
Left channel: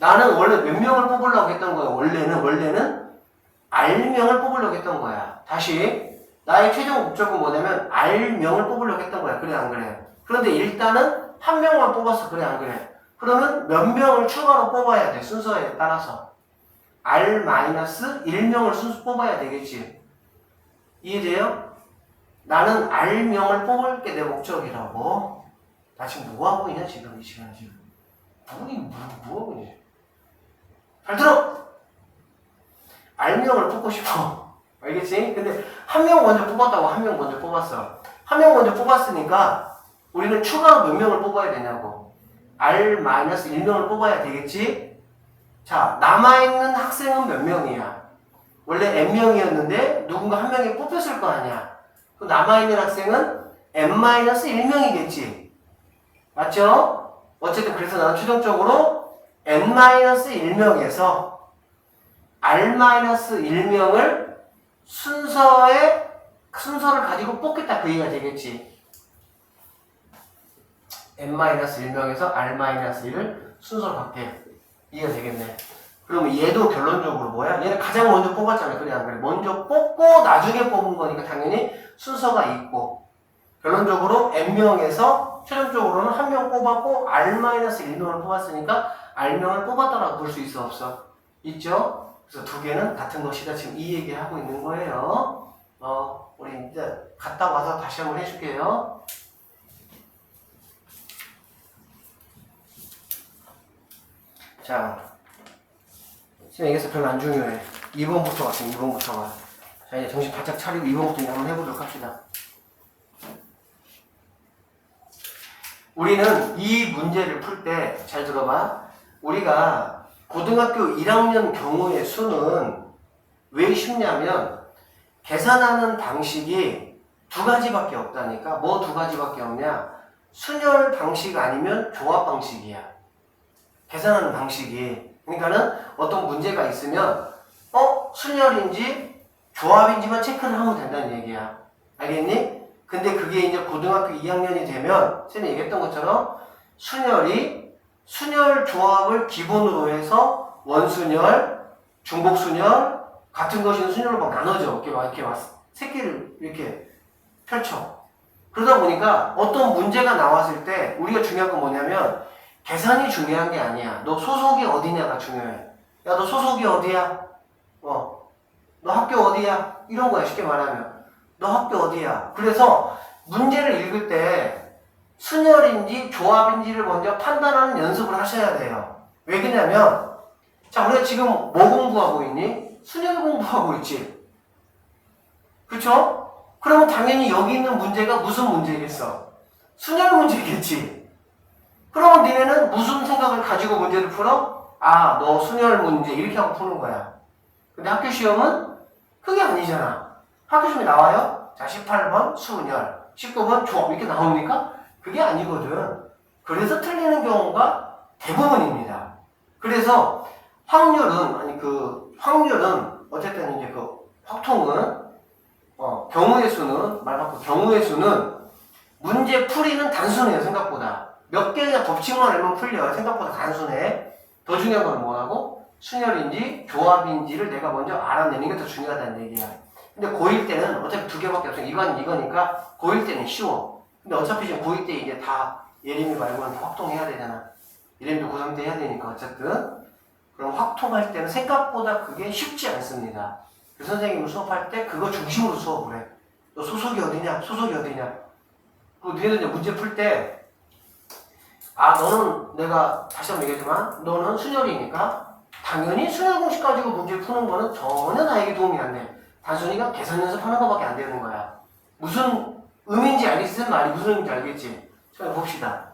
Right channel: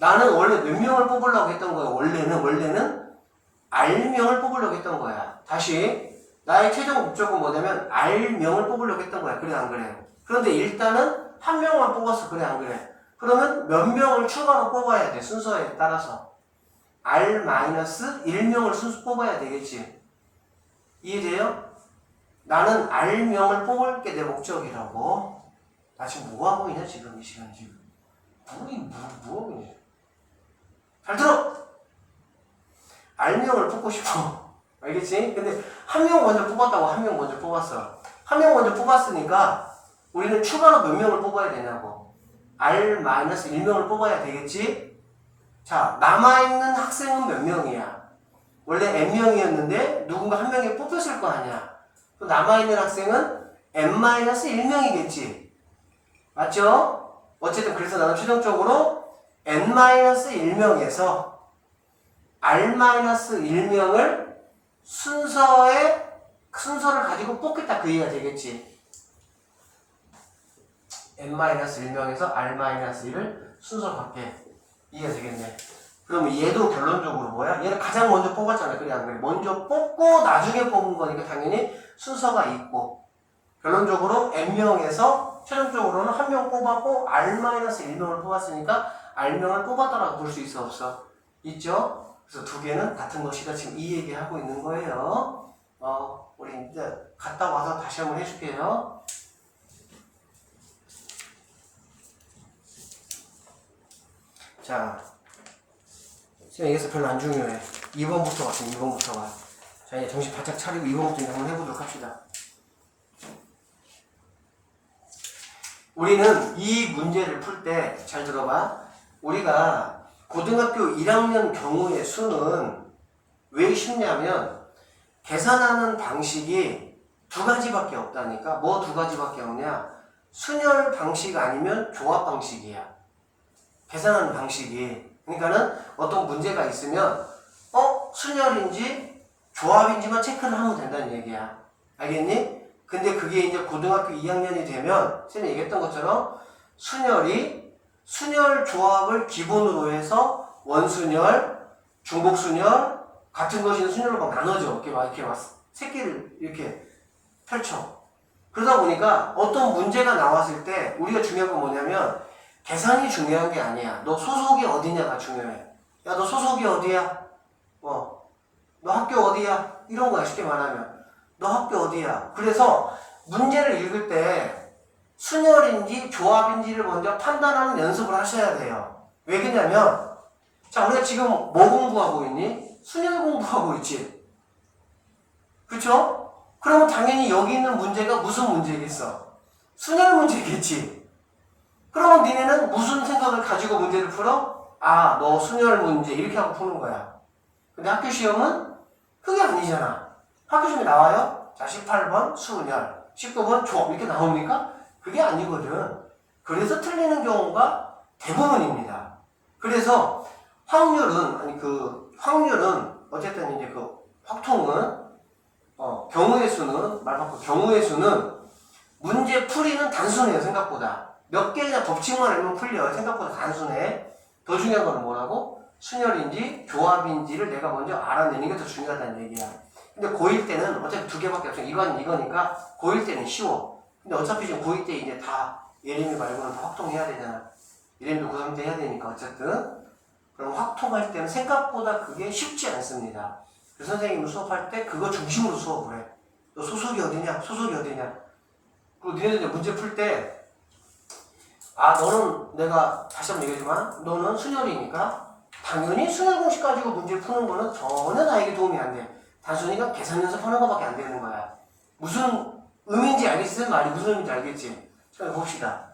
나는 원래 몇 명을 뽑으려고 했던 거야? 원래는 R명을 뽑으려고 했던 거야. 다시 나의 최종 목적은 뭐냐면 R명을 뽑으려고 했던 거야. 그래 안 그래? 그런데 일단은 한 명을 뽑았어. 그래 안 그래? 그러면 몇 명을 추가로 뽑아야 돼. 순서에 따라서. R-1명을 순서 뽑아야 되겠지. 이해돼요? 나는 R명을 뽑을 게 내 목적이라고. 나 지금 뭐 하고 있냐 지금 이 시간 지금. 뭐 하고 있냐. 잘 들어! R명을 뽑고 싶어. 알겠지? 근데 한 명 먼저 뽑았다고 한 명 먼저 뽑았어. 한 명 먼저 뽑았으니까 우리는 추가로 몇 명을 뽑아야 되냐고. R-1명을 뽑아야 되겠지? 자, 남아있는 학생은 몇 명이야? 원래 N명이었는데 누군가 한 명이 뽑혔을 거 아니야. 그 남아있는 학생은 N-1명이겠지. 맞죠? 어쨌든 그래서 나는 최종적으로 N-1명에서 R-1명을 순서를 가지고 뽑겠다 그 얘기가 되겠지. N-1명에서 R-1을 순서로 갖게. 이해가 되겠네. 그러면 얘도 결론적으로 뭐야? 얘는 가장 먼저 뽑았잖아. 그래 안 그래? 먼저 뽑고 나중에 뽑은 거니까 당연히 순서가 있고. 결론적으로 N명에서 최종적으로는 한 명 뽑았고 R-1명을 뽑았으니까 R명을 뽑았다라고 볼 수 있어 없어? 있죠? 그래서 두 개는 같은 것이다. 지금 이 얘기를 하고 있는 거예요. 우리 이제 갔다 와서 다시 한번 해줄게요. 자, 지금 여기서 별로 안 중요해. 2번부터 왔어, 2번부터가. 자, 이제 정신 바짝 차리고 2번부터 이제 한번 해보도록 합시다. 우리는 이 문제를 풀 때, 잘 들어봐. 우리가 고등학교 1학년 경우의 수는 왜 쉽냐면, 계산하는 방식이 두 가지밖에 없다니까. 뭐 두 가지밖에 없냐? 순열 방식 아니면 조합 방식이야. 계산하는 방식이. 그러니까는 어떤 문제가 있으면 순열인지 조합인지만 체크를 하면 된다는 얘기야. 알겠니? 근데 그게 이제 고등학교 2학년이 되면 쌤이 얘기했던 것처럼 순열 조합을 기본으로 해서 원순열, 중복순열 같은 것이 순열로 막 나눠져. 이렇게 막 새끼를 이렇게 펼쳐. 그러다 보니까 어떤 문제가 나왔을 때 우리가 중요한 건 뭐냐면 계산이 중요한 게 아니야. 너 소속이 어디냐가 중요해. 야, 너 소속이 어디야? 너 학교 어디야? 이런 거야, 쉽게 말하면. 너 학교 어디야? 그래서 문제를 읽을 때 순열인지 조합인지를 먼저 판단하는 연습을 하셔야 돼요. 왜 그러냐면, 자, 우리가 지금 뭐 공부하고 있니? 순열 공부하고 있지. 그쵸? 그러면 당연히 여기 있는 문제가 무슨 문제겠어? 순열 문제겠지. 그러면 니네는 무슨 생각을 가지고 문제를 풀어? 너 순열 문제 이렇게 하고 푸는 거야. 근데 학교 시험은 그게 아니잖아. 학교 시험에 나와요? 자, 18번 순열, 19번 조합 이렇게 나옵니까? 그게 아니거든. 그래서 틀리는 경우가 대부분입니다. 그래서 확률은 어쨌든 이제 그 확통은 경우의 수는 말 바꿔 경우의 수는 문제 풀이는 단순해요. 생각보다. 몇 개의 법칙만 알면 풀려요. 생각보다 단순해. 더 중요한 건 뭐라고? 순열인지 조합인지를 내가 먼저 알아내는 게 더 중요하다는 얘기야. 근데 고1 때는 어차피 두 개밖에 없어. 이거니까 고1 때는 쉬워. 근데 어차피 지금 고2 때 이제 다 예림이 말고는 다 확통해야 되잖아. 예림도 고3 때 해야 되니까 어쨌든. 그럼 확통할 때는 생각보다 그게 쉽지 않습니다. 그 선생님은 수업할 때 그거 중심으로 수업을 해. 너 소속이 어디냐? 소속이 어디냐? 그리고 너희들 이제 문제 풀 때 너는 내가 다시 한번 얘기하지만 너는 순열이니까 당연히 순열 공식 가지고 문제를 푸는 거는 전혀 나에게 도움이 안 돼. 단순히가 계산 연습하는 거밖에 안 되는 거야. 무슨 의미인지 알겠지? 말이 무슨 의미인지 알겠지? 자, 봅시다.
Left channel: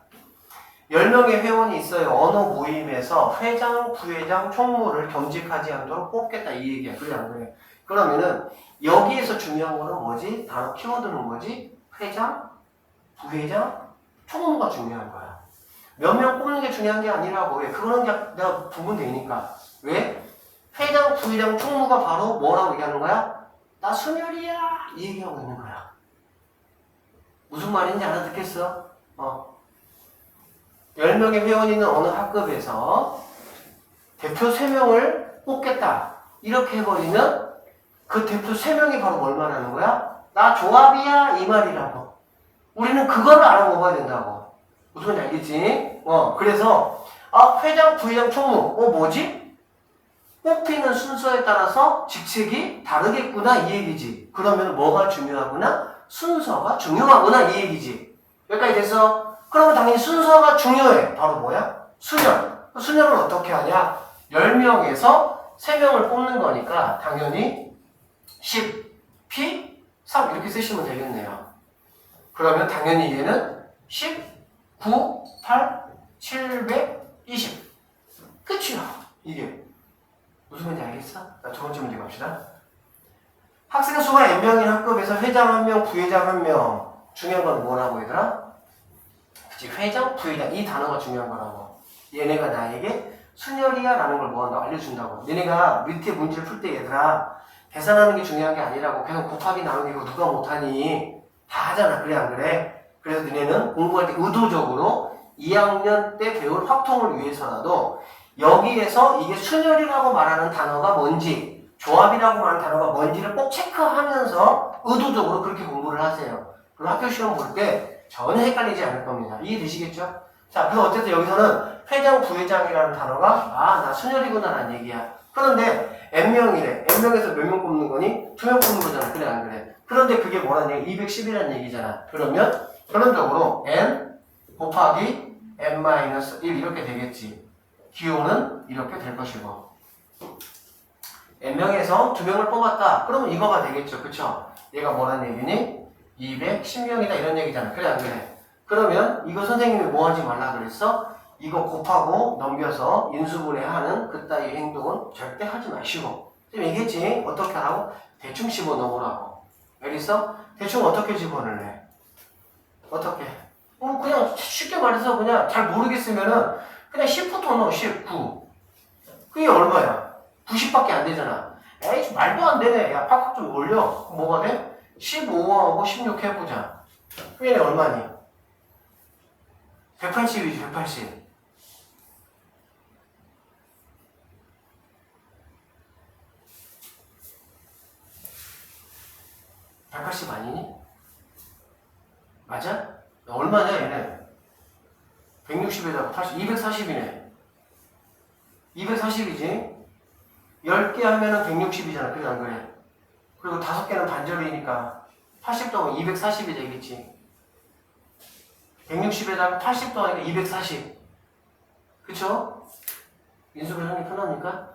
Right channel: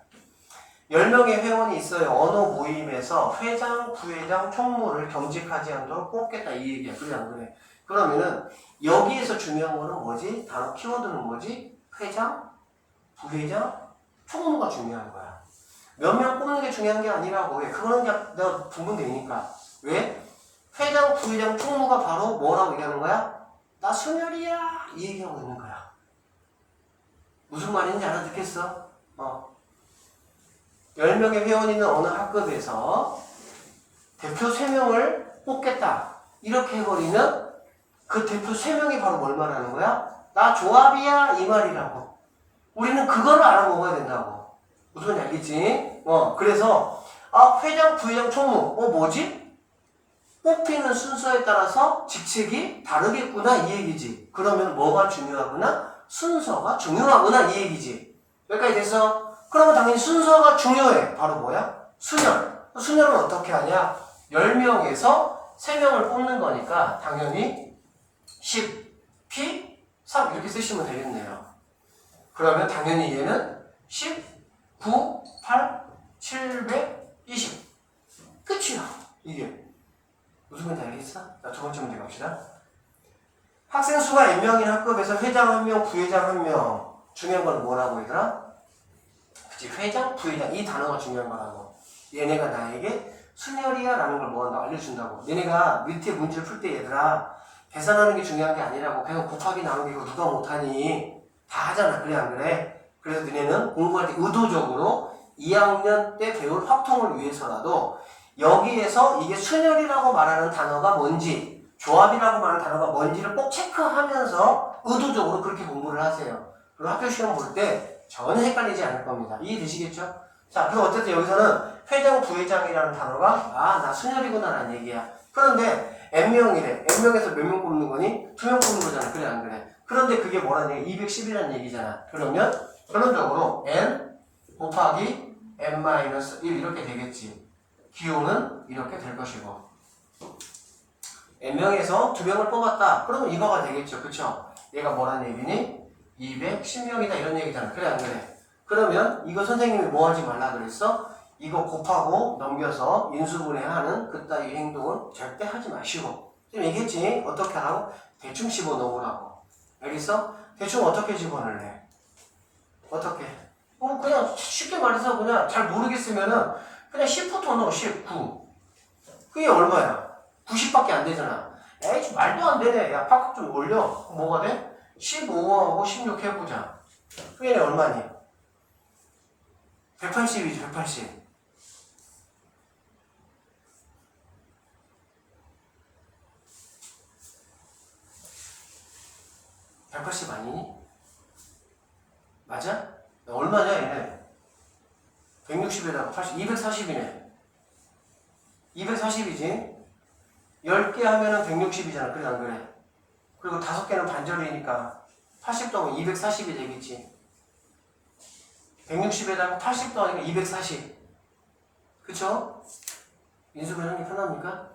10명의 회원이 있어요. 어느 모임에서 회장, 부회장, 총무를 겸직하지 않도록 뽑겠다 이 얘기야. 그래 안 그래? 그러면은 여기에서 중요한 거는 뭐지? 단어 키워드는 뭐지? 회장, 부회장, 총무가 중요한 거야. 몇 명 뽑는 게 중요한 게 아니라고. 왜? 그거는 내가 구분되니까. 왜? 회장, 부회장, 총무가 바로 뭐라고 얘기하는 거야? 나 순열이야. 이 얘기하고 있는 거야. 무슨 말인지 알아듣겠어? 10명의 회원이 있는 어느 학급에서 대표 3명을 뽑겠다. 이렇게 해버리면 그 대표 3명이 바로 뭘 말하는 거야? 나 조합이야 이 말이라고. 우리는 그거를 알아먹어야 된다고. 무슨 말인지 알겠지? 그래서 회장, 부회장, 총무 뭐지? 뽑히는 순서에 따라서 직책이 다르겠구나 이 얘기지. 그러면 뭐가 중요하구나? 순서가 중요하구나 이 얘기지. 여기까지 됐어? 그러면 당연히 순서가 중요해. 바로 뭐야? 순열. 순열은 어떻게 하냐? 10명에서 3명을 뽑는 거니까 당연히 10, P, 3 이렇게 쓰시면 되겠네요. 그러면 당연히 얘는 10, 9, 8, 720. 끝이야. 이게. 무슨 말인지 알겠어? 자, 두 번째 문제 갑시다. 학생 수가 n명인 학급에서 회장 1명, 부회장 1명. 중요한 건 뭐라고 얘들아? 그치, 회장, 부회장. 이 단어가 중요한 거라고. 얘네가 나에게 순열이야 라는 걸 뭐 알려준다고. 얘네가 밑에 문제를 풀 때 얘들아 계산하는 게 중요한 게 아니라고. 그냥 곱하기 나누기 이거 누가 못하니? 다 하잖아. 그래 안 그래? 그래서 너네는 공부할 때 의도적으로 2학년 때 배울 확통을 위해서라도 여기에서 이게 순열이라고 말하는 단어가 뭔지 조합이라고 말하는 단어가 뭔지를 꼭 체크하면서 의도적으로 그렇게 공부를 하세요. 그리고 학교 시험 볼 때 전혀 헷갈리지 않을 겁니다. 이해되시겠죠? 자, 그래서 어쨌든 여기서는 회장, 부회장이라는 단어가 나 순열이구나 라는 얘기야. 그런데 n명이래. n명에서 몇 명 뽑는 거니? 2명 뽑는 거잖아. 그래 안 그래? 그런데 그게 뭐라는 얘기? 210이라는 얘기잖아. 그러면 결론적으로 n 곱하기 n-1 이렇게 되겠지. 기호는 이렇게 될 것이고 n명에서 2명을 뽑았다. 그러면 이거가 되겠죠. 그쵸? 얘가 뭐라는 얘기니? 210명이다 이런 얘기잖아. 그래 안 그래? 그러면 이거 선생님이 뭐 하지 말라 그랬어? 이거 곱하고 넘겨서 인수분해하는 그따위 행동은 절대 하지 마시고 지금 얘기했지? 어떻게 하라고? 대충 집어넣으라고. 알겠어? 대충 어떻게 집어넣을래? 어떻게? 그냥 쉽게 말해서 그냥 잘 모르겠으면은 그냥 10부터 넣어. 10, 9. 그게 얼마야? 90밖에 안 되잖아. 에이 말도 안 되네. 야 팍팍 좀 올려. 뭐가 돼? 15하고 16 해보자. 그게 얼마니? 180이지 180. 아니니? 맞아? 얼마냐 얘네? 160에다가 80, 240이네. 240이지? 10개 하면은 160이잖아. 그래 안 그래? 그리고 5개는 반절이니까 80 더하면 240이 되겠지. 160에다가 80 더하니까 240. 그쵸? 인수분해하기 편합니까?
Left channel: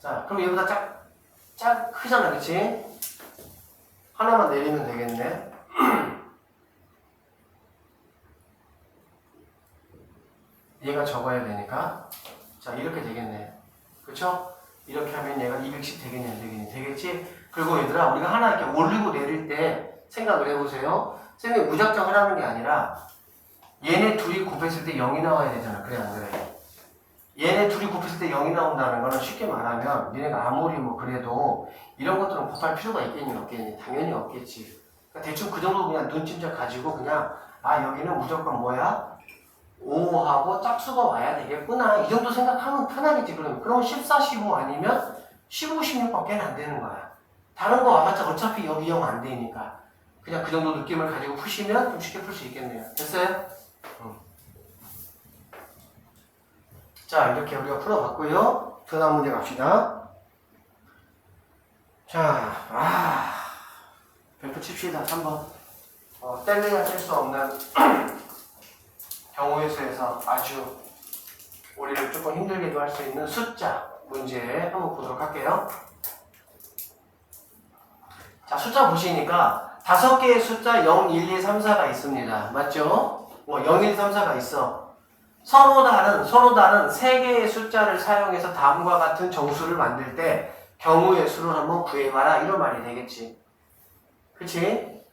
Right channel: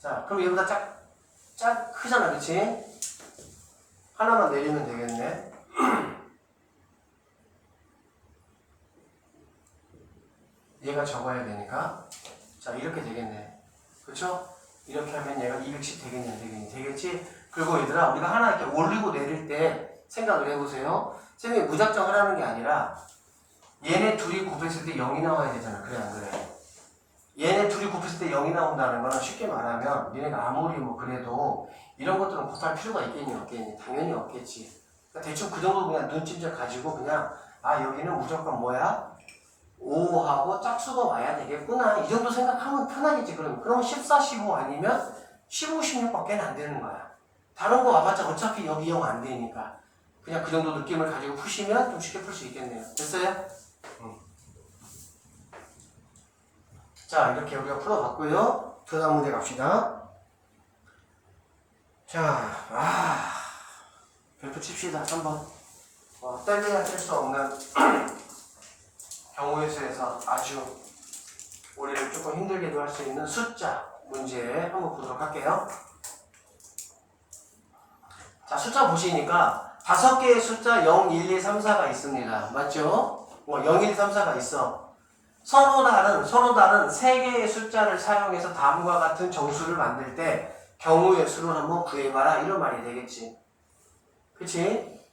자, 그럼 얘보다 짝 크잖아. 그치? 하나만 내리면 되겠네. 얘가 적어야 되니까. 자, 이렇게 되겠네. 그쵸? 이렇게 하면 얘가 210 되겠네. 되겠지? 그리고 얘들아, 우리가 하나 이렇게 올리고 내릴 때 생각을 해보세요. 선생님이 무작정 하라는 게 아니라 얘네 둘이 곱했을 때 0이 나와야 되잖아. 그래, 안 그래? 얘네 둘이 곱했을 때 0이 나온다는 거는 쉽게 말하면 얘네가 아무리 뭐 그래도 이런 것들은 곱할 필요가 있겠니? 없겠니? 당연히 없겠지. 그러니까 대충 그 정도 그냥 눈찜질 가지고 그냥 여기는 무조건 뭐야? 5하고 짝수가 와야 되겠구나. 이 정도 생각하면 편하겠지. 그럼 14, 15 아니면 15, 16밖에 안 되는 거야. 다른 거 와봤자 어차피 여기 0 안 되니까. 그냥 그 정도 느낌을 가지고 푸시면 좀 쉽게 풀 수 있겠네요. 됐어요? 자, 이렇게 우리가 풀어봤고요. 그 다음 문제 갑시다. 자, 별표 칩시다. 3번. 뗄래야 뗄 수 없는 경우의 수에서 아주 우리를 조금 힘들게 할 수 있는 숫자 문제 한번 보도록 할게요. 자, 숫자 보시니까 5개의 숫자 0, 1, 2, 3, 4가 있습니다. 맞죠? 0, 1, 2, 3, 4가 있어. 서로 다른 3개의 숫자를 사용해서 다음과 같은 정수를 만들 때 경우의 수를 한번 구해봐라. 이런 말이 되겠지. 그치?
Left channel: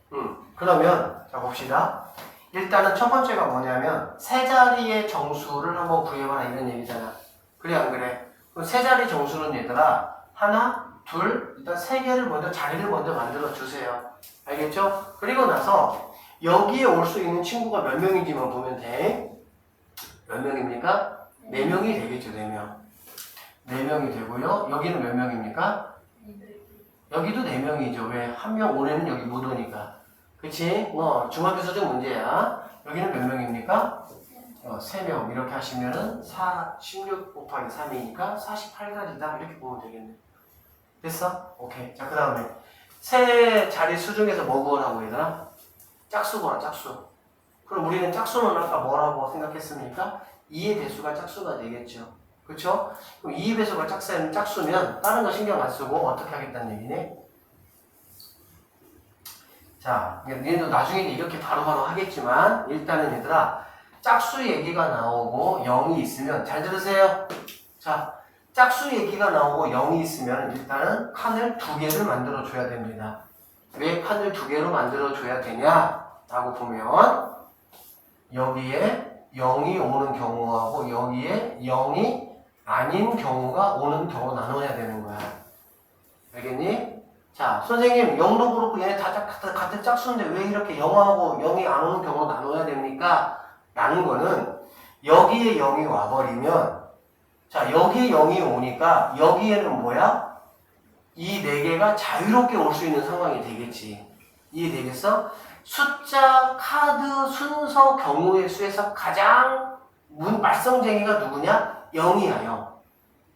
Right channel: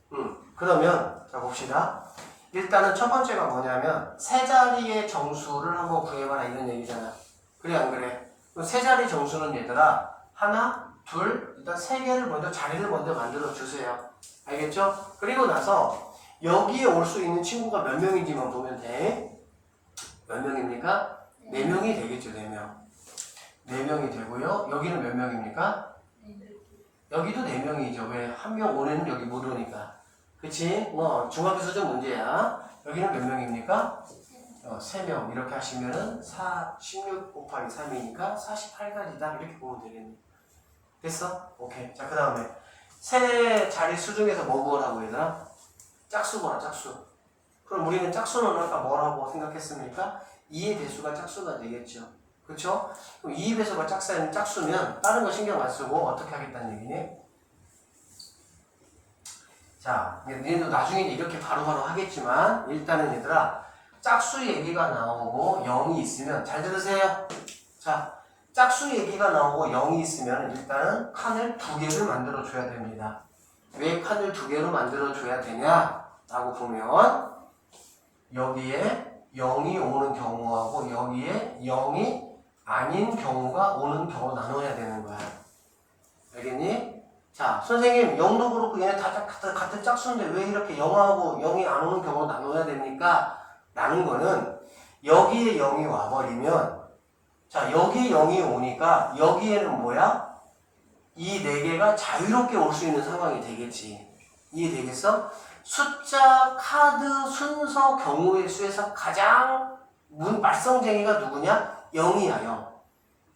그러면 자 봅시다. 일단은 첫 번째가 뭐냐면 세 자리의 정수를 한번 구해봐라 이런 얘기잖아. 그래 안 그래? 세 자리 정수는 얘들아 하나, 둘, 일단 세 개를 먼저 자리를 먼저 만들어 주세요. 알겠죠? 그리고 나서 여기에 올 수 있는 친구가 몇 명인지만 보면 돼. 몇 명입니까? 4명이 되겠죠. 4명. 4명이 되고요. 여기는 몇 명입니까? 여기도 4명이죠. 왜? 한 명 올해는 여기 못 오니까. 그치? 뭐 중학교 수준 문제야. 여기는 몇 명입니까? 3명 이렇게 하시면은 16 곱하기 3이니까 48가지다 이렇게 보면 되겠네. 됐어? 오케이. 자, 그 다음에 세 자릿수 중에서 뭐 구하라고 얘들아? 짝수 구하라. 짝수. 그럼 우리는 짝수는 아까 뭐라고 생각했습니까? 2의 배수가 짝수가 되겠죠. 그쵸? 그럼 2의 배수가 짝수면 다른 거 신경 안 쓰고 어떻게 하겠다는 얘기네? 자, 얘도 나중에 이렇게 바로바로 하겠지만 일단은 얘들아 짝수 얘기가 나오고 0이 있으면 잘 들으세요. 자, 짝수 얘기가 나오고 0이 있으면 일단은 칸을 2개를 만들어 줘야 됩니다. 왜 칸을 2개로 만들어 줘야 되냐? 라고 보면 여기에 0이 오는 경우하고 여기에 0이 아닌 경우가 오는 경우 나눠야 되는 거야. 알겠니? 자, 선생님 0도 그렇고 얘네 다 같은 짝수인데 왜 이렇게 0하고 0이 안 오는 경우 나눠야 됩니까? 라는 거는 여기에 0이 와버리면 자, 여기에 0이 오니까 여기에는 뭐야? 이 4개가 자유롭게 올 수 있는 상황이 되겠지. 이해되겠어? 숫자, 카드, 순서, 경우의 수에서 가장 말썽쟁이가 누구냐? 0이야, 0.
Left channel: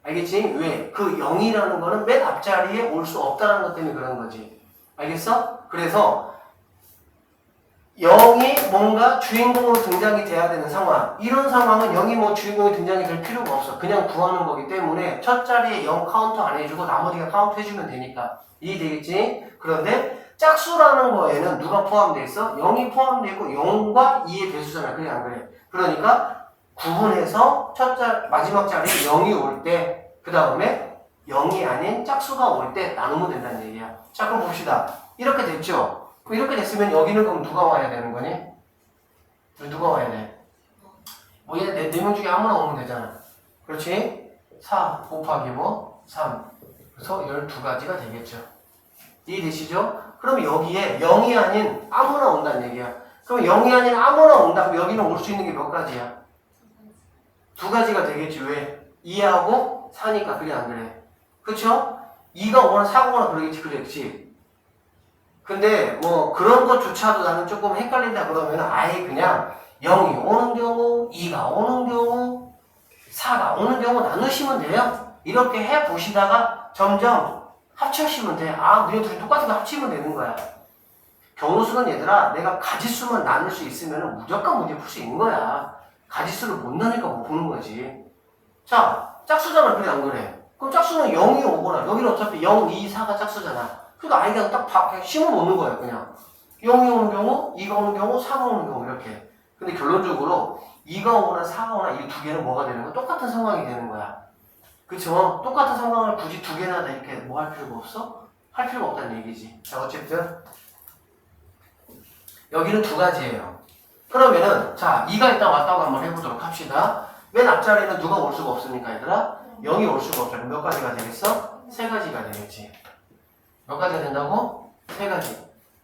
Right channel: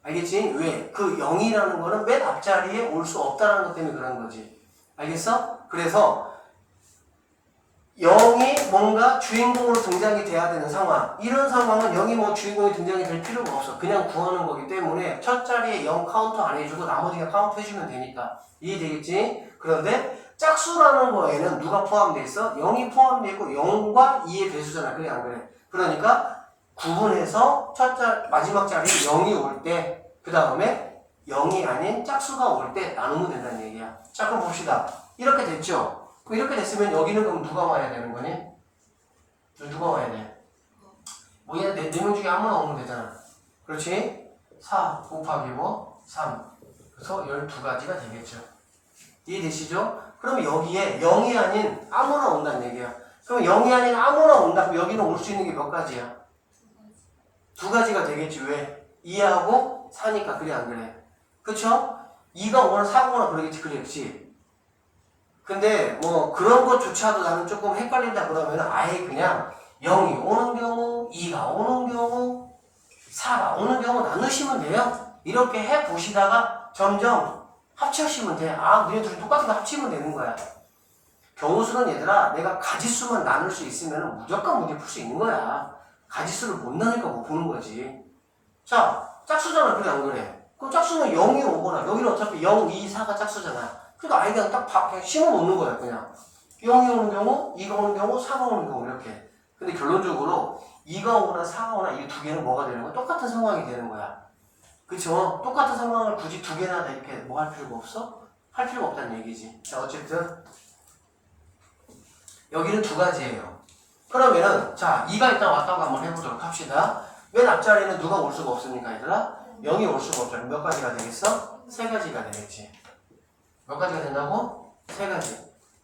알겠지? 왜? 그 0이라는 거는 맨 앞자리에 올 수 없다는 것 때문에 그런 거지. 알겠어? 그래서 0이 뭔가 주인공으로 등장이 돼야 되는 상황. 이런 상황은 0이 뭐 주인공이 등장이 될 필요가 없어. 그냥 구하는 거기 때문에 첫 자리에 0 카운트 안 해주고 나머지가 카운트 해주면 되니까. 이해되겠지? 그런데 짝수라는 거에는 누가 포함되어 있어? 0이 포함되어 있고 0과 2의 배수잖아. 그래 안 그래? 그러니까 구분해서 마지막 자리에 0이 올 때 그 다음에 0이 아닌 짝수가 올 때 나누면 된다는 얘기야. 자, 그럼 봅시다. 이렇게 됐죠? 이렇게 됐으면 여기는 그럼 누가 와야 되는 거니? 누가 와야 돼? 뭐 얘 4명 중에 아무나 오면 되잖아. 그렇지? 4 곱하기 뭐? 3. 그래서 12가지가 되겠죠. 이해되시죠? 그럼 여기에 0이 아닌 아무나 온다는 얘기야. 그럼 0이 아닌 아무나 온다고 여기는 올 수 있는 게 몇 가지야? 2가지가 되겠지. 왜? 2하고 4니까. 그래 안 그래? 그쵸? 2가 오거나 4가 오거나 그러겠지. 그렇지? 근데 뭐 그런 것조차도 나는 조금 헷갈린다 그러면 아예 그냥 0이 오는 경우, 2가 오는 경우, 4가 오는 경우 나누시면 돼요. 이렇게 해보시다가 점점 합치시면 돼. 아, 우리가 둘이 똑같은 거 합치면 되는 거야. 경우수는 얘들아 내가 가지수만 나눌 수 있으면 무조건 문제 풀 수 있는 거야. 가지수를 못 나누니까 못 푸는 거지. 자, 짝수잖아. 그래 안 그래? 그럼 짝수는 0이 오거나 여기는 어차피 0, 2, 4가 짝수잖아. 그러니까 아이가 딱 그냥 심어 놓는 거야. 그냥 0이 오는 경우, 2가 오는 경우, 4가 오는 경우 이렇게. 근데 결론적으로 2가 오거나 4가 오거나 이 두 개는 뭐가 되는 거야? 똑같은 상황이 되는 거야. 그쵸? 똑같은 상황을 굳이 두 개나 이렇게 뭐 할 필요가 없어? 할 필요가 없다는 얘기지. 자, 어쨌든 여기는 2가지예요. 그러면은 자, 2가 일단 왔다고 한번 해보도록 합시다. 맨 앞자리에는 누가 올 수가 없으니까 얘들아 0이 올 수가 없잖아. 몇 가지가 되겠어? 3가지가 되겠지. 몇 가지가 된다고? 3가지.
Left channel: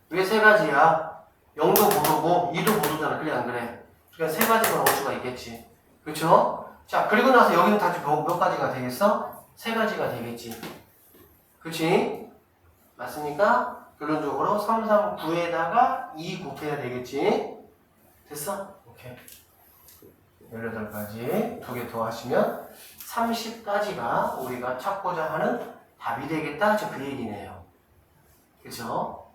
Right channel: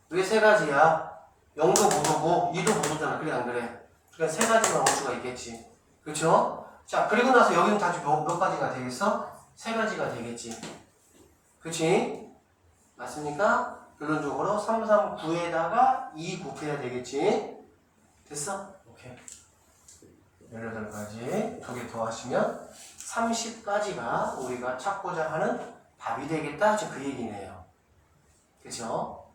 왜 3가지야? 0도 모르고 2도 모르잖아. 그래 안 그래? 그러니까 3가지만 올 수가 있겠지. 그쵸? 자, 그리고 나서 여기는 다시 몇 가지가 되겠어? 3가지가 되겠지. 그치? 맞습니까? 결론적으로 3, 3, 9에다가 2 곱해야 되겠지. 됐어? 오케이. 18가지 2개 더 하시면 30가지가 우리가 찾고자 하는 답이 되겠다. 지금 그 얘기네요. 그쵸?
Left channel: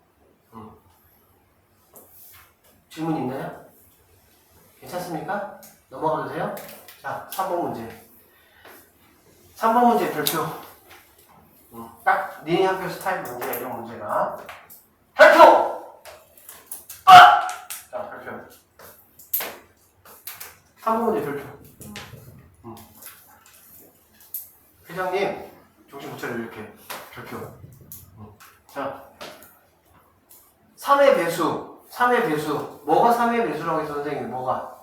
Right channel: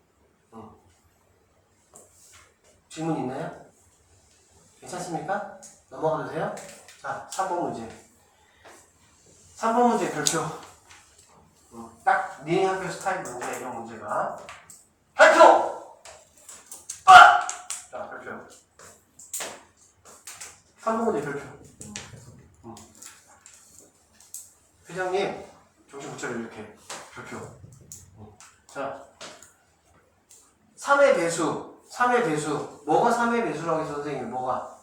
질문 있나요? 괜찮습니까? 넘어가도 돼요? 자, 3번 문제. 3번 문제 별표. 딱 니네 학교 스타일 문제야, 이런 문제가. 별표! 아! 자, 별표. 3번 문제 별표. 회장님, 정신 못 차려, 이렇게. 별표. 자, 3의 배수. 3의 배수. 뭐가 3의 배수라고 해서 선생님, 뭐가?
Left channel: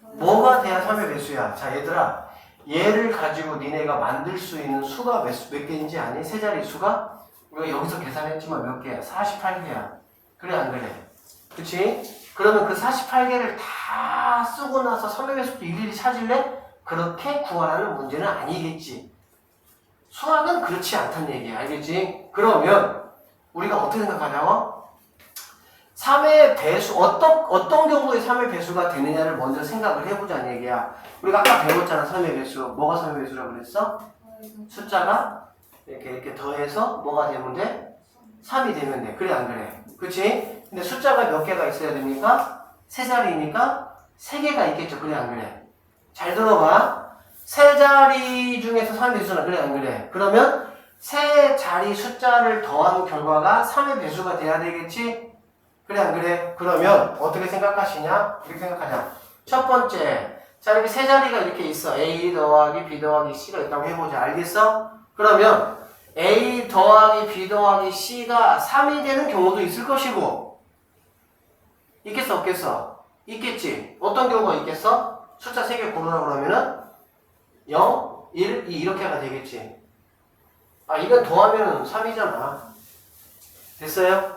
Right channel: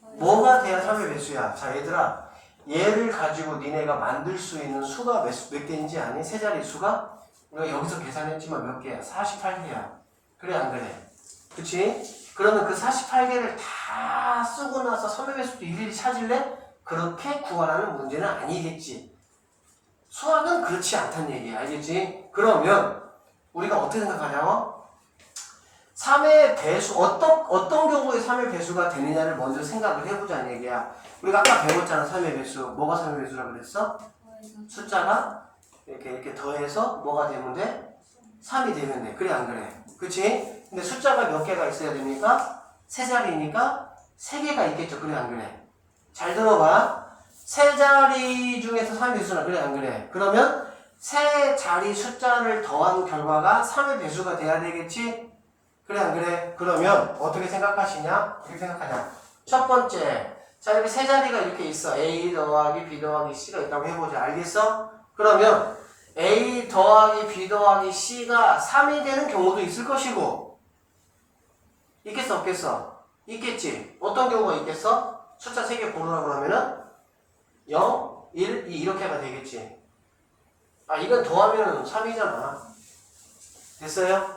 뭐가 돼야 3의 배수야? 자, 얘들아. 얘를 가지고 니네가 만들 수 있는 수가 몇 개인지 아니? 세 자리 수가? 우리가 여기서 계산했지만 몇 개야? 48개야. 그래 안 그래? 그치? 그러면 그 48개를 다 쓰고 나서 3의 배수도 일일이 찾을래? 그렇게 구하라는 문제는 아니겠지. 수학은 그렇지 않다는 얘기야. 알겠지? 그러면 우리가 어떻게 생각하자고? 3의 배수, 어떤 경우에 3의 배수가 되느냐를 먼저 생각을 해보자는 얘기야. 우리가 아까 배웠잖아, 3의 배수. 뭐가 3의 배수라고 그랬어? 숫자가 이렇게 더해서 뭐가 되면 돼? 3이 되면 돼. 그래, 안 그래? 그치? 근데 숫자가 몇 개가 있어야 됩니까? 세 자리니까 세 개가 있겠죠. 그래, 안 그래? 잘 들어봐. 세 자리 중에서 3의 배수나 그래, 안 그래? 그러면 세 자리 숫자를 더한 결과가 3의 배수가 돼야 되겠지? 그래, 안 그래? 그러면 어떻게 생각하시냐? 어떻게 생각하냐? 첫 번째, 자, 이렇게 세 자리가 이렇게 있어. A 더하기 B 더하기 C가 있다고 해보자. 알겠어? 그러면 A 더하기 B 더하기 C가 3이 되는 경우도 있을 것이고, 있겠어, 없겠어? 있겠지. 어떤 경우가 있겠어? 숫자 3개 고르라고 그러면은 0, 1, 2 이렇게가 되겠지. 아, 이건 더하면 3이잖아. 됐어요?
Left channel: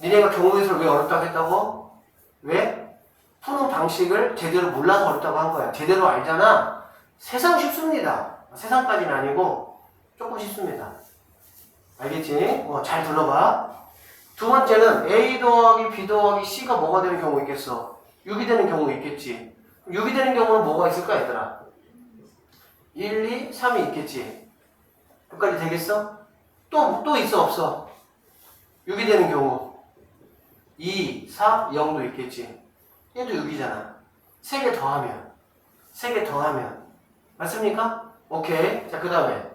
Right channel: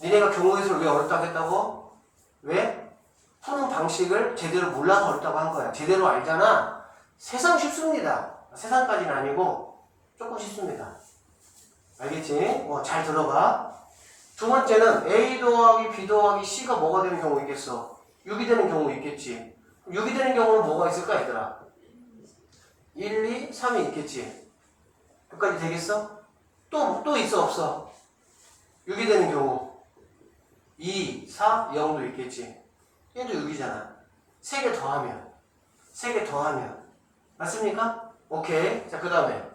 니네가 경우에서 왜 어렵다고 했다고? 왜? 푸는 방식을 제대로 몰라서 어렵다고 한 거야. 제대로 알잖아. 세상 쉽습니다. 세상까지는 아니고 조금 쉽습니다. 알겠지? 잘 들어봐. 두 번째는 A 더하기 B 더하기 C가 뭐가 되는 경우 있겠어? 6이 되는 경우 있겠지. 6이 되는 경우는 뭐가 있을까, 얘들아? 1, 2, 3이 있겠지. 여기까지 되겠어? 또 있어, 없어? 6이 되는 경우 2, 4, 0도 있겠지. 얘도 6이잖아. 3개 더하면 맞습니까? 오케이. 자, 그 다음에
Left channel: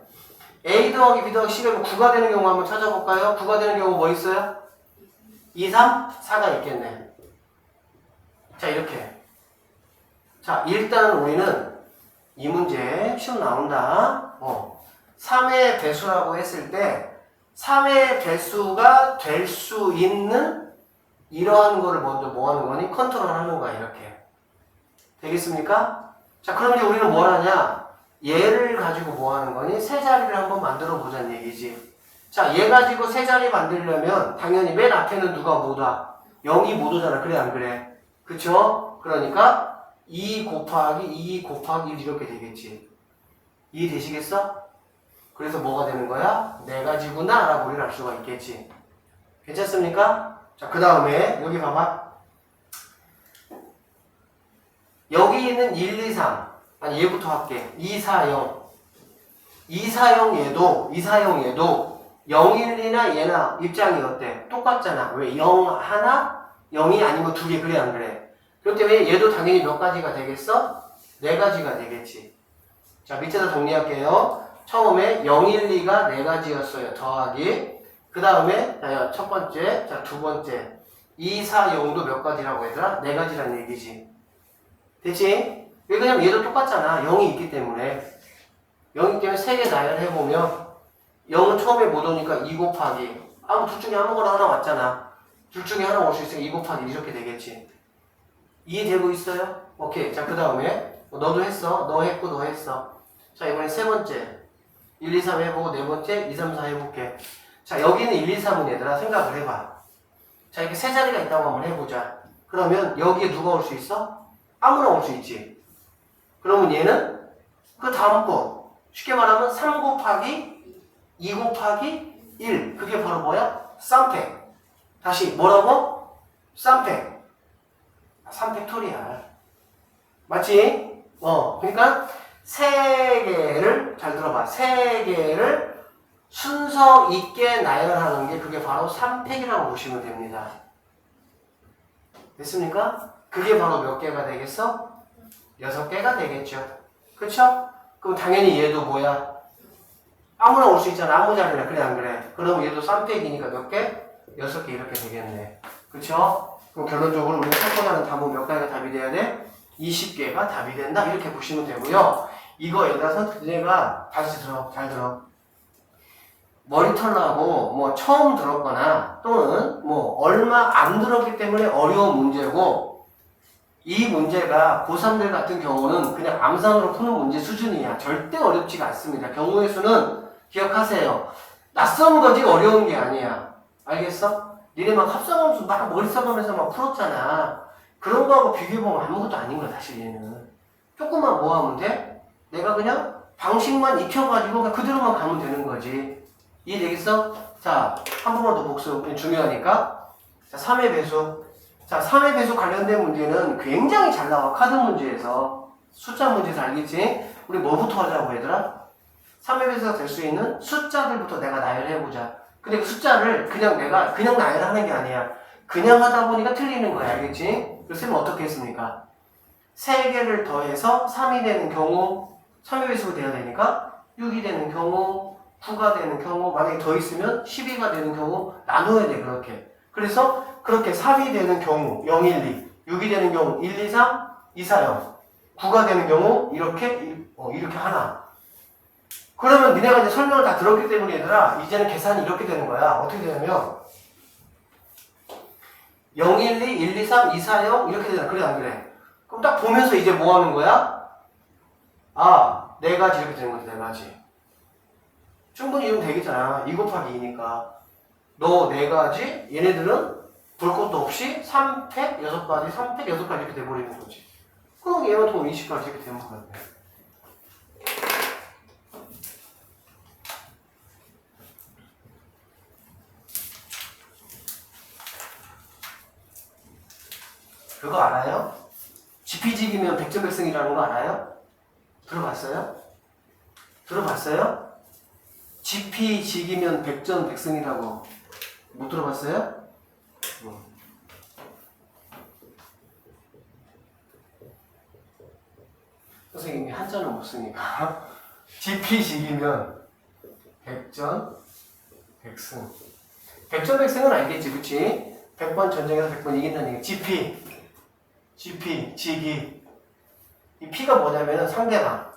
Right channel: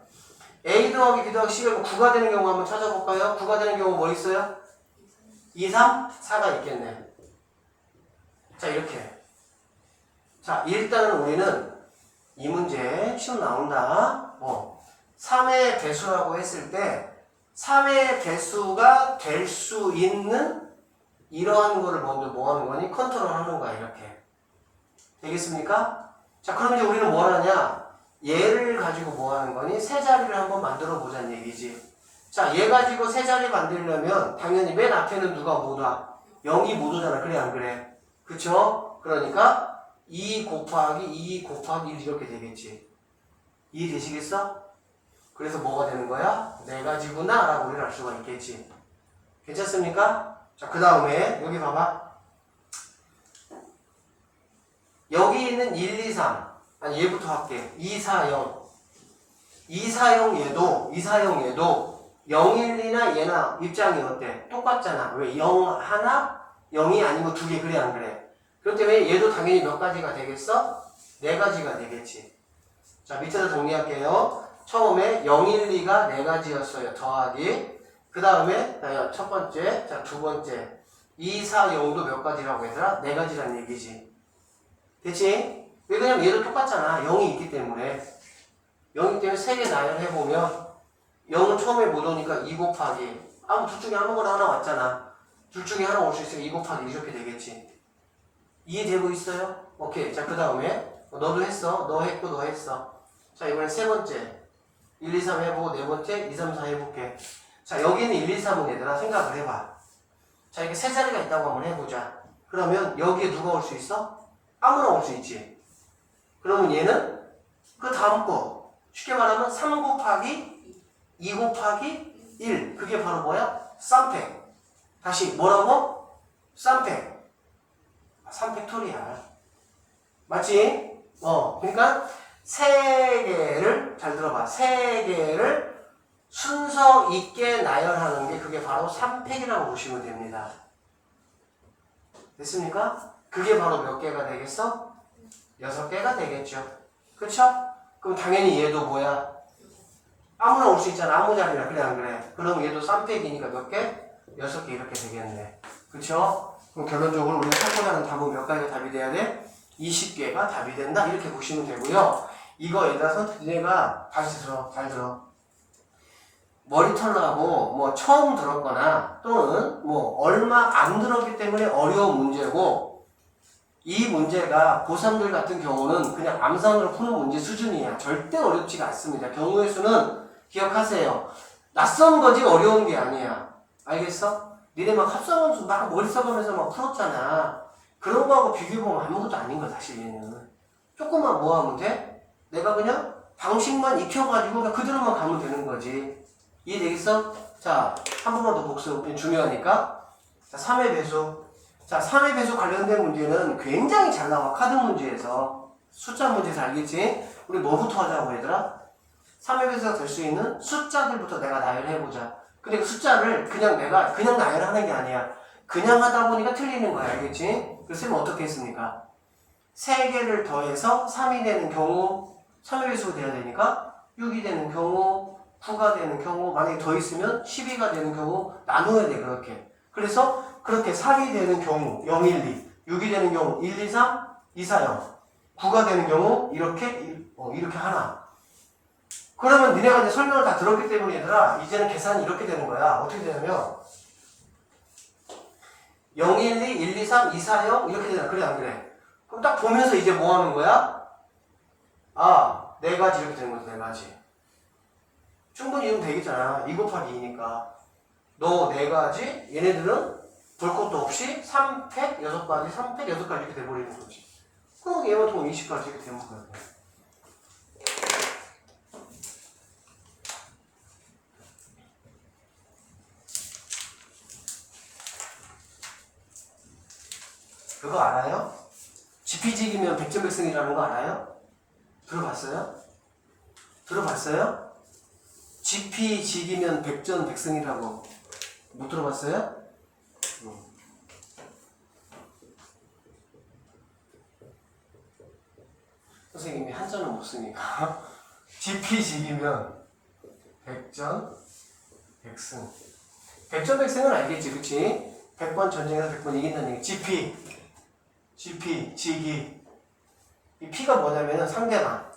A 더하기 B 더하기 C가 9가 되는 경우 한번 찾아볼까요? 9가 되는 경우 뭐 있어요? 2, 3, 4가 있겠네. 자, 이렇게. 자, 일단은 우리는 이 문제 시험 나온다. 3의 배수라고 했을 때 3의 배수가 될 수 있는 이러한 거를 먼저 뭐 하는 거니? 컨트롤 하는 거야, 이렇게. 되겠습니까? 자, 그럼 이제 우리는 뭘 하냐? 얘를 가지고 뭐 하는 거니? 세 자리를 한번 만들어 보자는 얘기지. 자, 얘 가지고 세 자리 만들려면 당연히 맨 앞에는 누가 못 와? 0이 못 오잖아. 그래, 안 그래? 그쵸? 그러니까 2 곱하기 2 곱하기 1 이렇게 되겠지. 이해되시겠어? 그래서 뭐가 되는 거야? 네 가지구나 라고 우리는 알 수가 있겠지. 괜찮습니까? 자, 그 다음에 여기 봐봐. 여기 있는 1, 2, 3 아니 얘부터 할게. 2, 4, 0 2, 4, 0 얘도 0, 1, 2나 얘나 입장이 어때? 똑같잖아. 왜? 0 하나? 0이 아니고 2개. 그래, 안 그래? 그렇기 때문에 얘도 당연히 몇 가지가 되겠어? 네 가지가 되겠지. 자, 밑에서 정리할게요. 처음에 0, 1, 2가 네 가지였어요. 더하기. 그 다음에 첫 번째, 자, 두 번째 2, 4, 0도 몇 가지라고 얘들아? 네 가지라는 얘기지. 됐지? 왜냐면 얘도 똑같잖아. 0이 있기 때문에. 0이기 때문에 세 개 나열해보면 0은 처음에 못 오니까 2 곱하기 둘 중에 아무거나 하나 왔잖아. 둘 중에 하나 올 수 있으니까 2 곱하기 1 이렇게 되겠지. 이해되고 있어요? 오케이. 자, 그 다음에 너도 했어. 너 했고 너 했어. 자, 이번엔 세 번째 1, 2, 3 해보고 네 번째 2, 3, 4 해볼게. 자, 여기는 1, 2, 3은 얘들아 생각을 해봐. 자, 이렇게 세 자리가 있다고 한번 해보자. 그러면 여기에 누가 올 수 있어? 아무나 올 수 있지. 그러면 얘는 그 다음 거 쉽게 말하면 3 곱하기 2 곱하기 1 그게 바로 뭐야? 쌈팩. 다시 뭐라고? 쌈팩. 3팩토리얼. 맞지? 그러니까 세 개를 잘 들어봐. 세 개를 순서 있게 나열하는 게 그게 바로 3팩이라고 보시면 됩니다. 됐습니까? 그게 바로 몇 개가 되겠어? 6개가 되겠죠. 그쵸? 그럼 당연히 얘도 뭐야? 아무나 올 수 있잖아. 아무 자리나. 그래, 안 그래? 그럼 얘도 3팩이니까 몇 개? 6개 이렇게 되겠네. 그쵸? 그럼 결론적으로 우리가 찾고자는 답은 몇 가지가 답이 돼야 돼? 20개가 답이 된다. 이렇게 보시면 되고요. 이거 여기서 니네가 다시 들어. 잘 들어. 머리털 나고 뭐 처음 들었거나 또는 뭐 얼마 안 들었기 때문에 어려운 문제고 이 문제가 고3들 같은 경우는 그냥 암산으로 푸는 문제 수준이야. 절대 어렵지가 않습니다. 경우의 수는 기억하세요. 낯선 거지 어려운 게 아니야. 알겠어? 니네 막 합성함수 막 머리 써가면서 막 풀었잖아. 그런 거하고 비교해보면 아무것도 아닌 거야 사실 얘는. 조금만 뭐 하면 돼? 내가 그냥 방식만 익혀가지고 그냥 그대로만 가면 되는 거지. 이해되겠어? 자, 한 번만 더 복습. 중요하니까. 자, 3의 배수. 자, 3의 배수 관련된 문제는 굉장히 잘 나와. 카드 문제에서. 숫자 문제에서 알겠지? 우리 뭐부터 하자고 얘들아? 3의 배수가 될 수 있는 숫자들부터 내가 나열해보자. 근데 그 숫자를 그냥 내가 그냥 나열하는 게 아니야. 그냥 하다 보니까 틀리는 거야. 알겠지? 그래서 어떻게 했습니까? 3개를 더해서 3이 되는 경우 3의 배수가 돼야 되니까 6이 되는 경우 9가 되는 경우 만약에 더 있으면 12가 되는 경우 나눠야 돼. 그렇게. 그래서 그렇게 3이 되는 경우 0, 1, 2 6이 되는 경우 1, 2, 3, 2, 4, 0 9가 되는 경우 이렇게 하나. 그러면 니네가 이제 설명을 다 들었기 때문에 얘들아 이제는 계산이 이렇게 되는 거야. 어떻게 되냐면 0, 1, 2, 1, 2, 3, 2, 4, 0 이렇게 되잖아. 그래 안 그래? 그럼 딱 보면서 이제 뭐 하는 거야? 아, 4가지 이렇게 되는 거지. 4가지. 충분히 이러면 되겠잖아. 2 곱하기 2니까. 너 4가지, 얘네들은 볼 것도 없이 3팩 6가지, 3팩 6가지 이렇게 돼버리는 거지. 그럼 얘만 통 20가지 이렇게 되는 거야. 그거 알아요? 지피지기면 백전백승이라는 거 알아요? 들어봤어요? 들어봤어요? 지피지기면 백전백승이라고 못 들어봤어요? 선생님이 한자는 못 쓰니까 지피지기면 백전백승. 백전백승은 알겠지, 그치? 100번 전쟁에서 100번 이긴다는 얘기. 지피, 지기. 이 피가 뭐냐면은 상대방.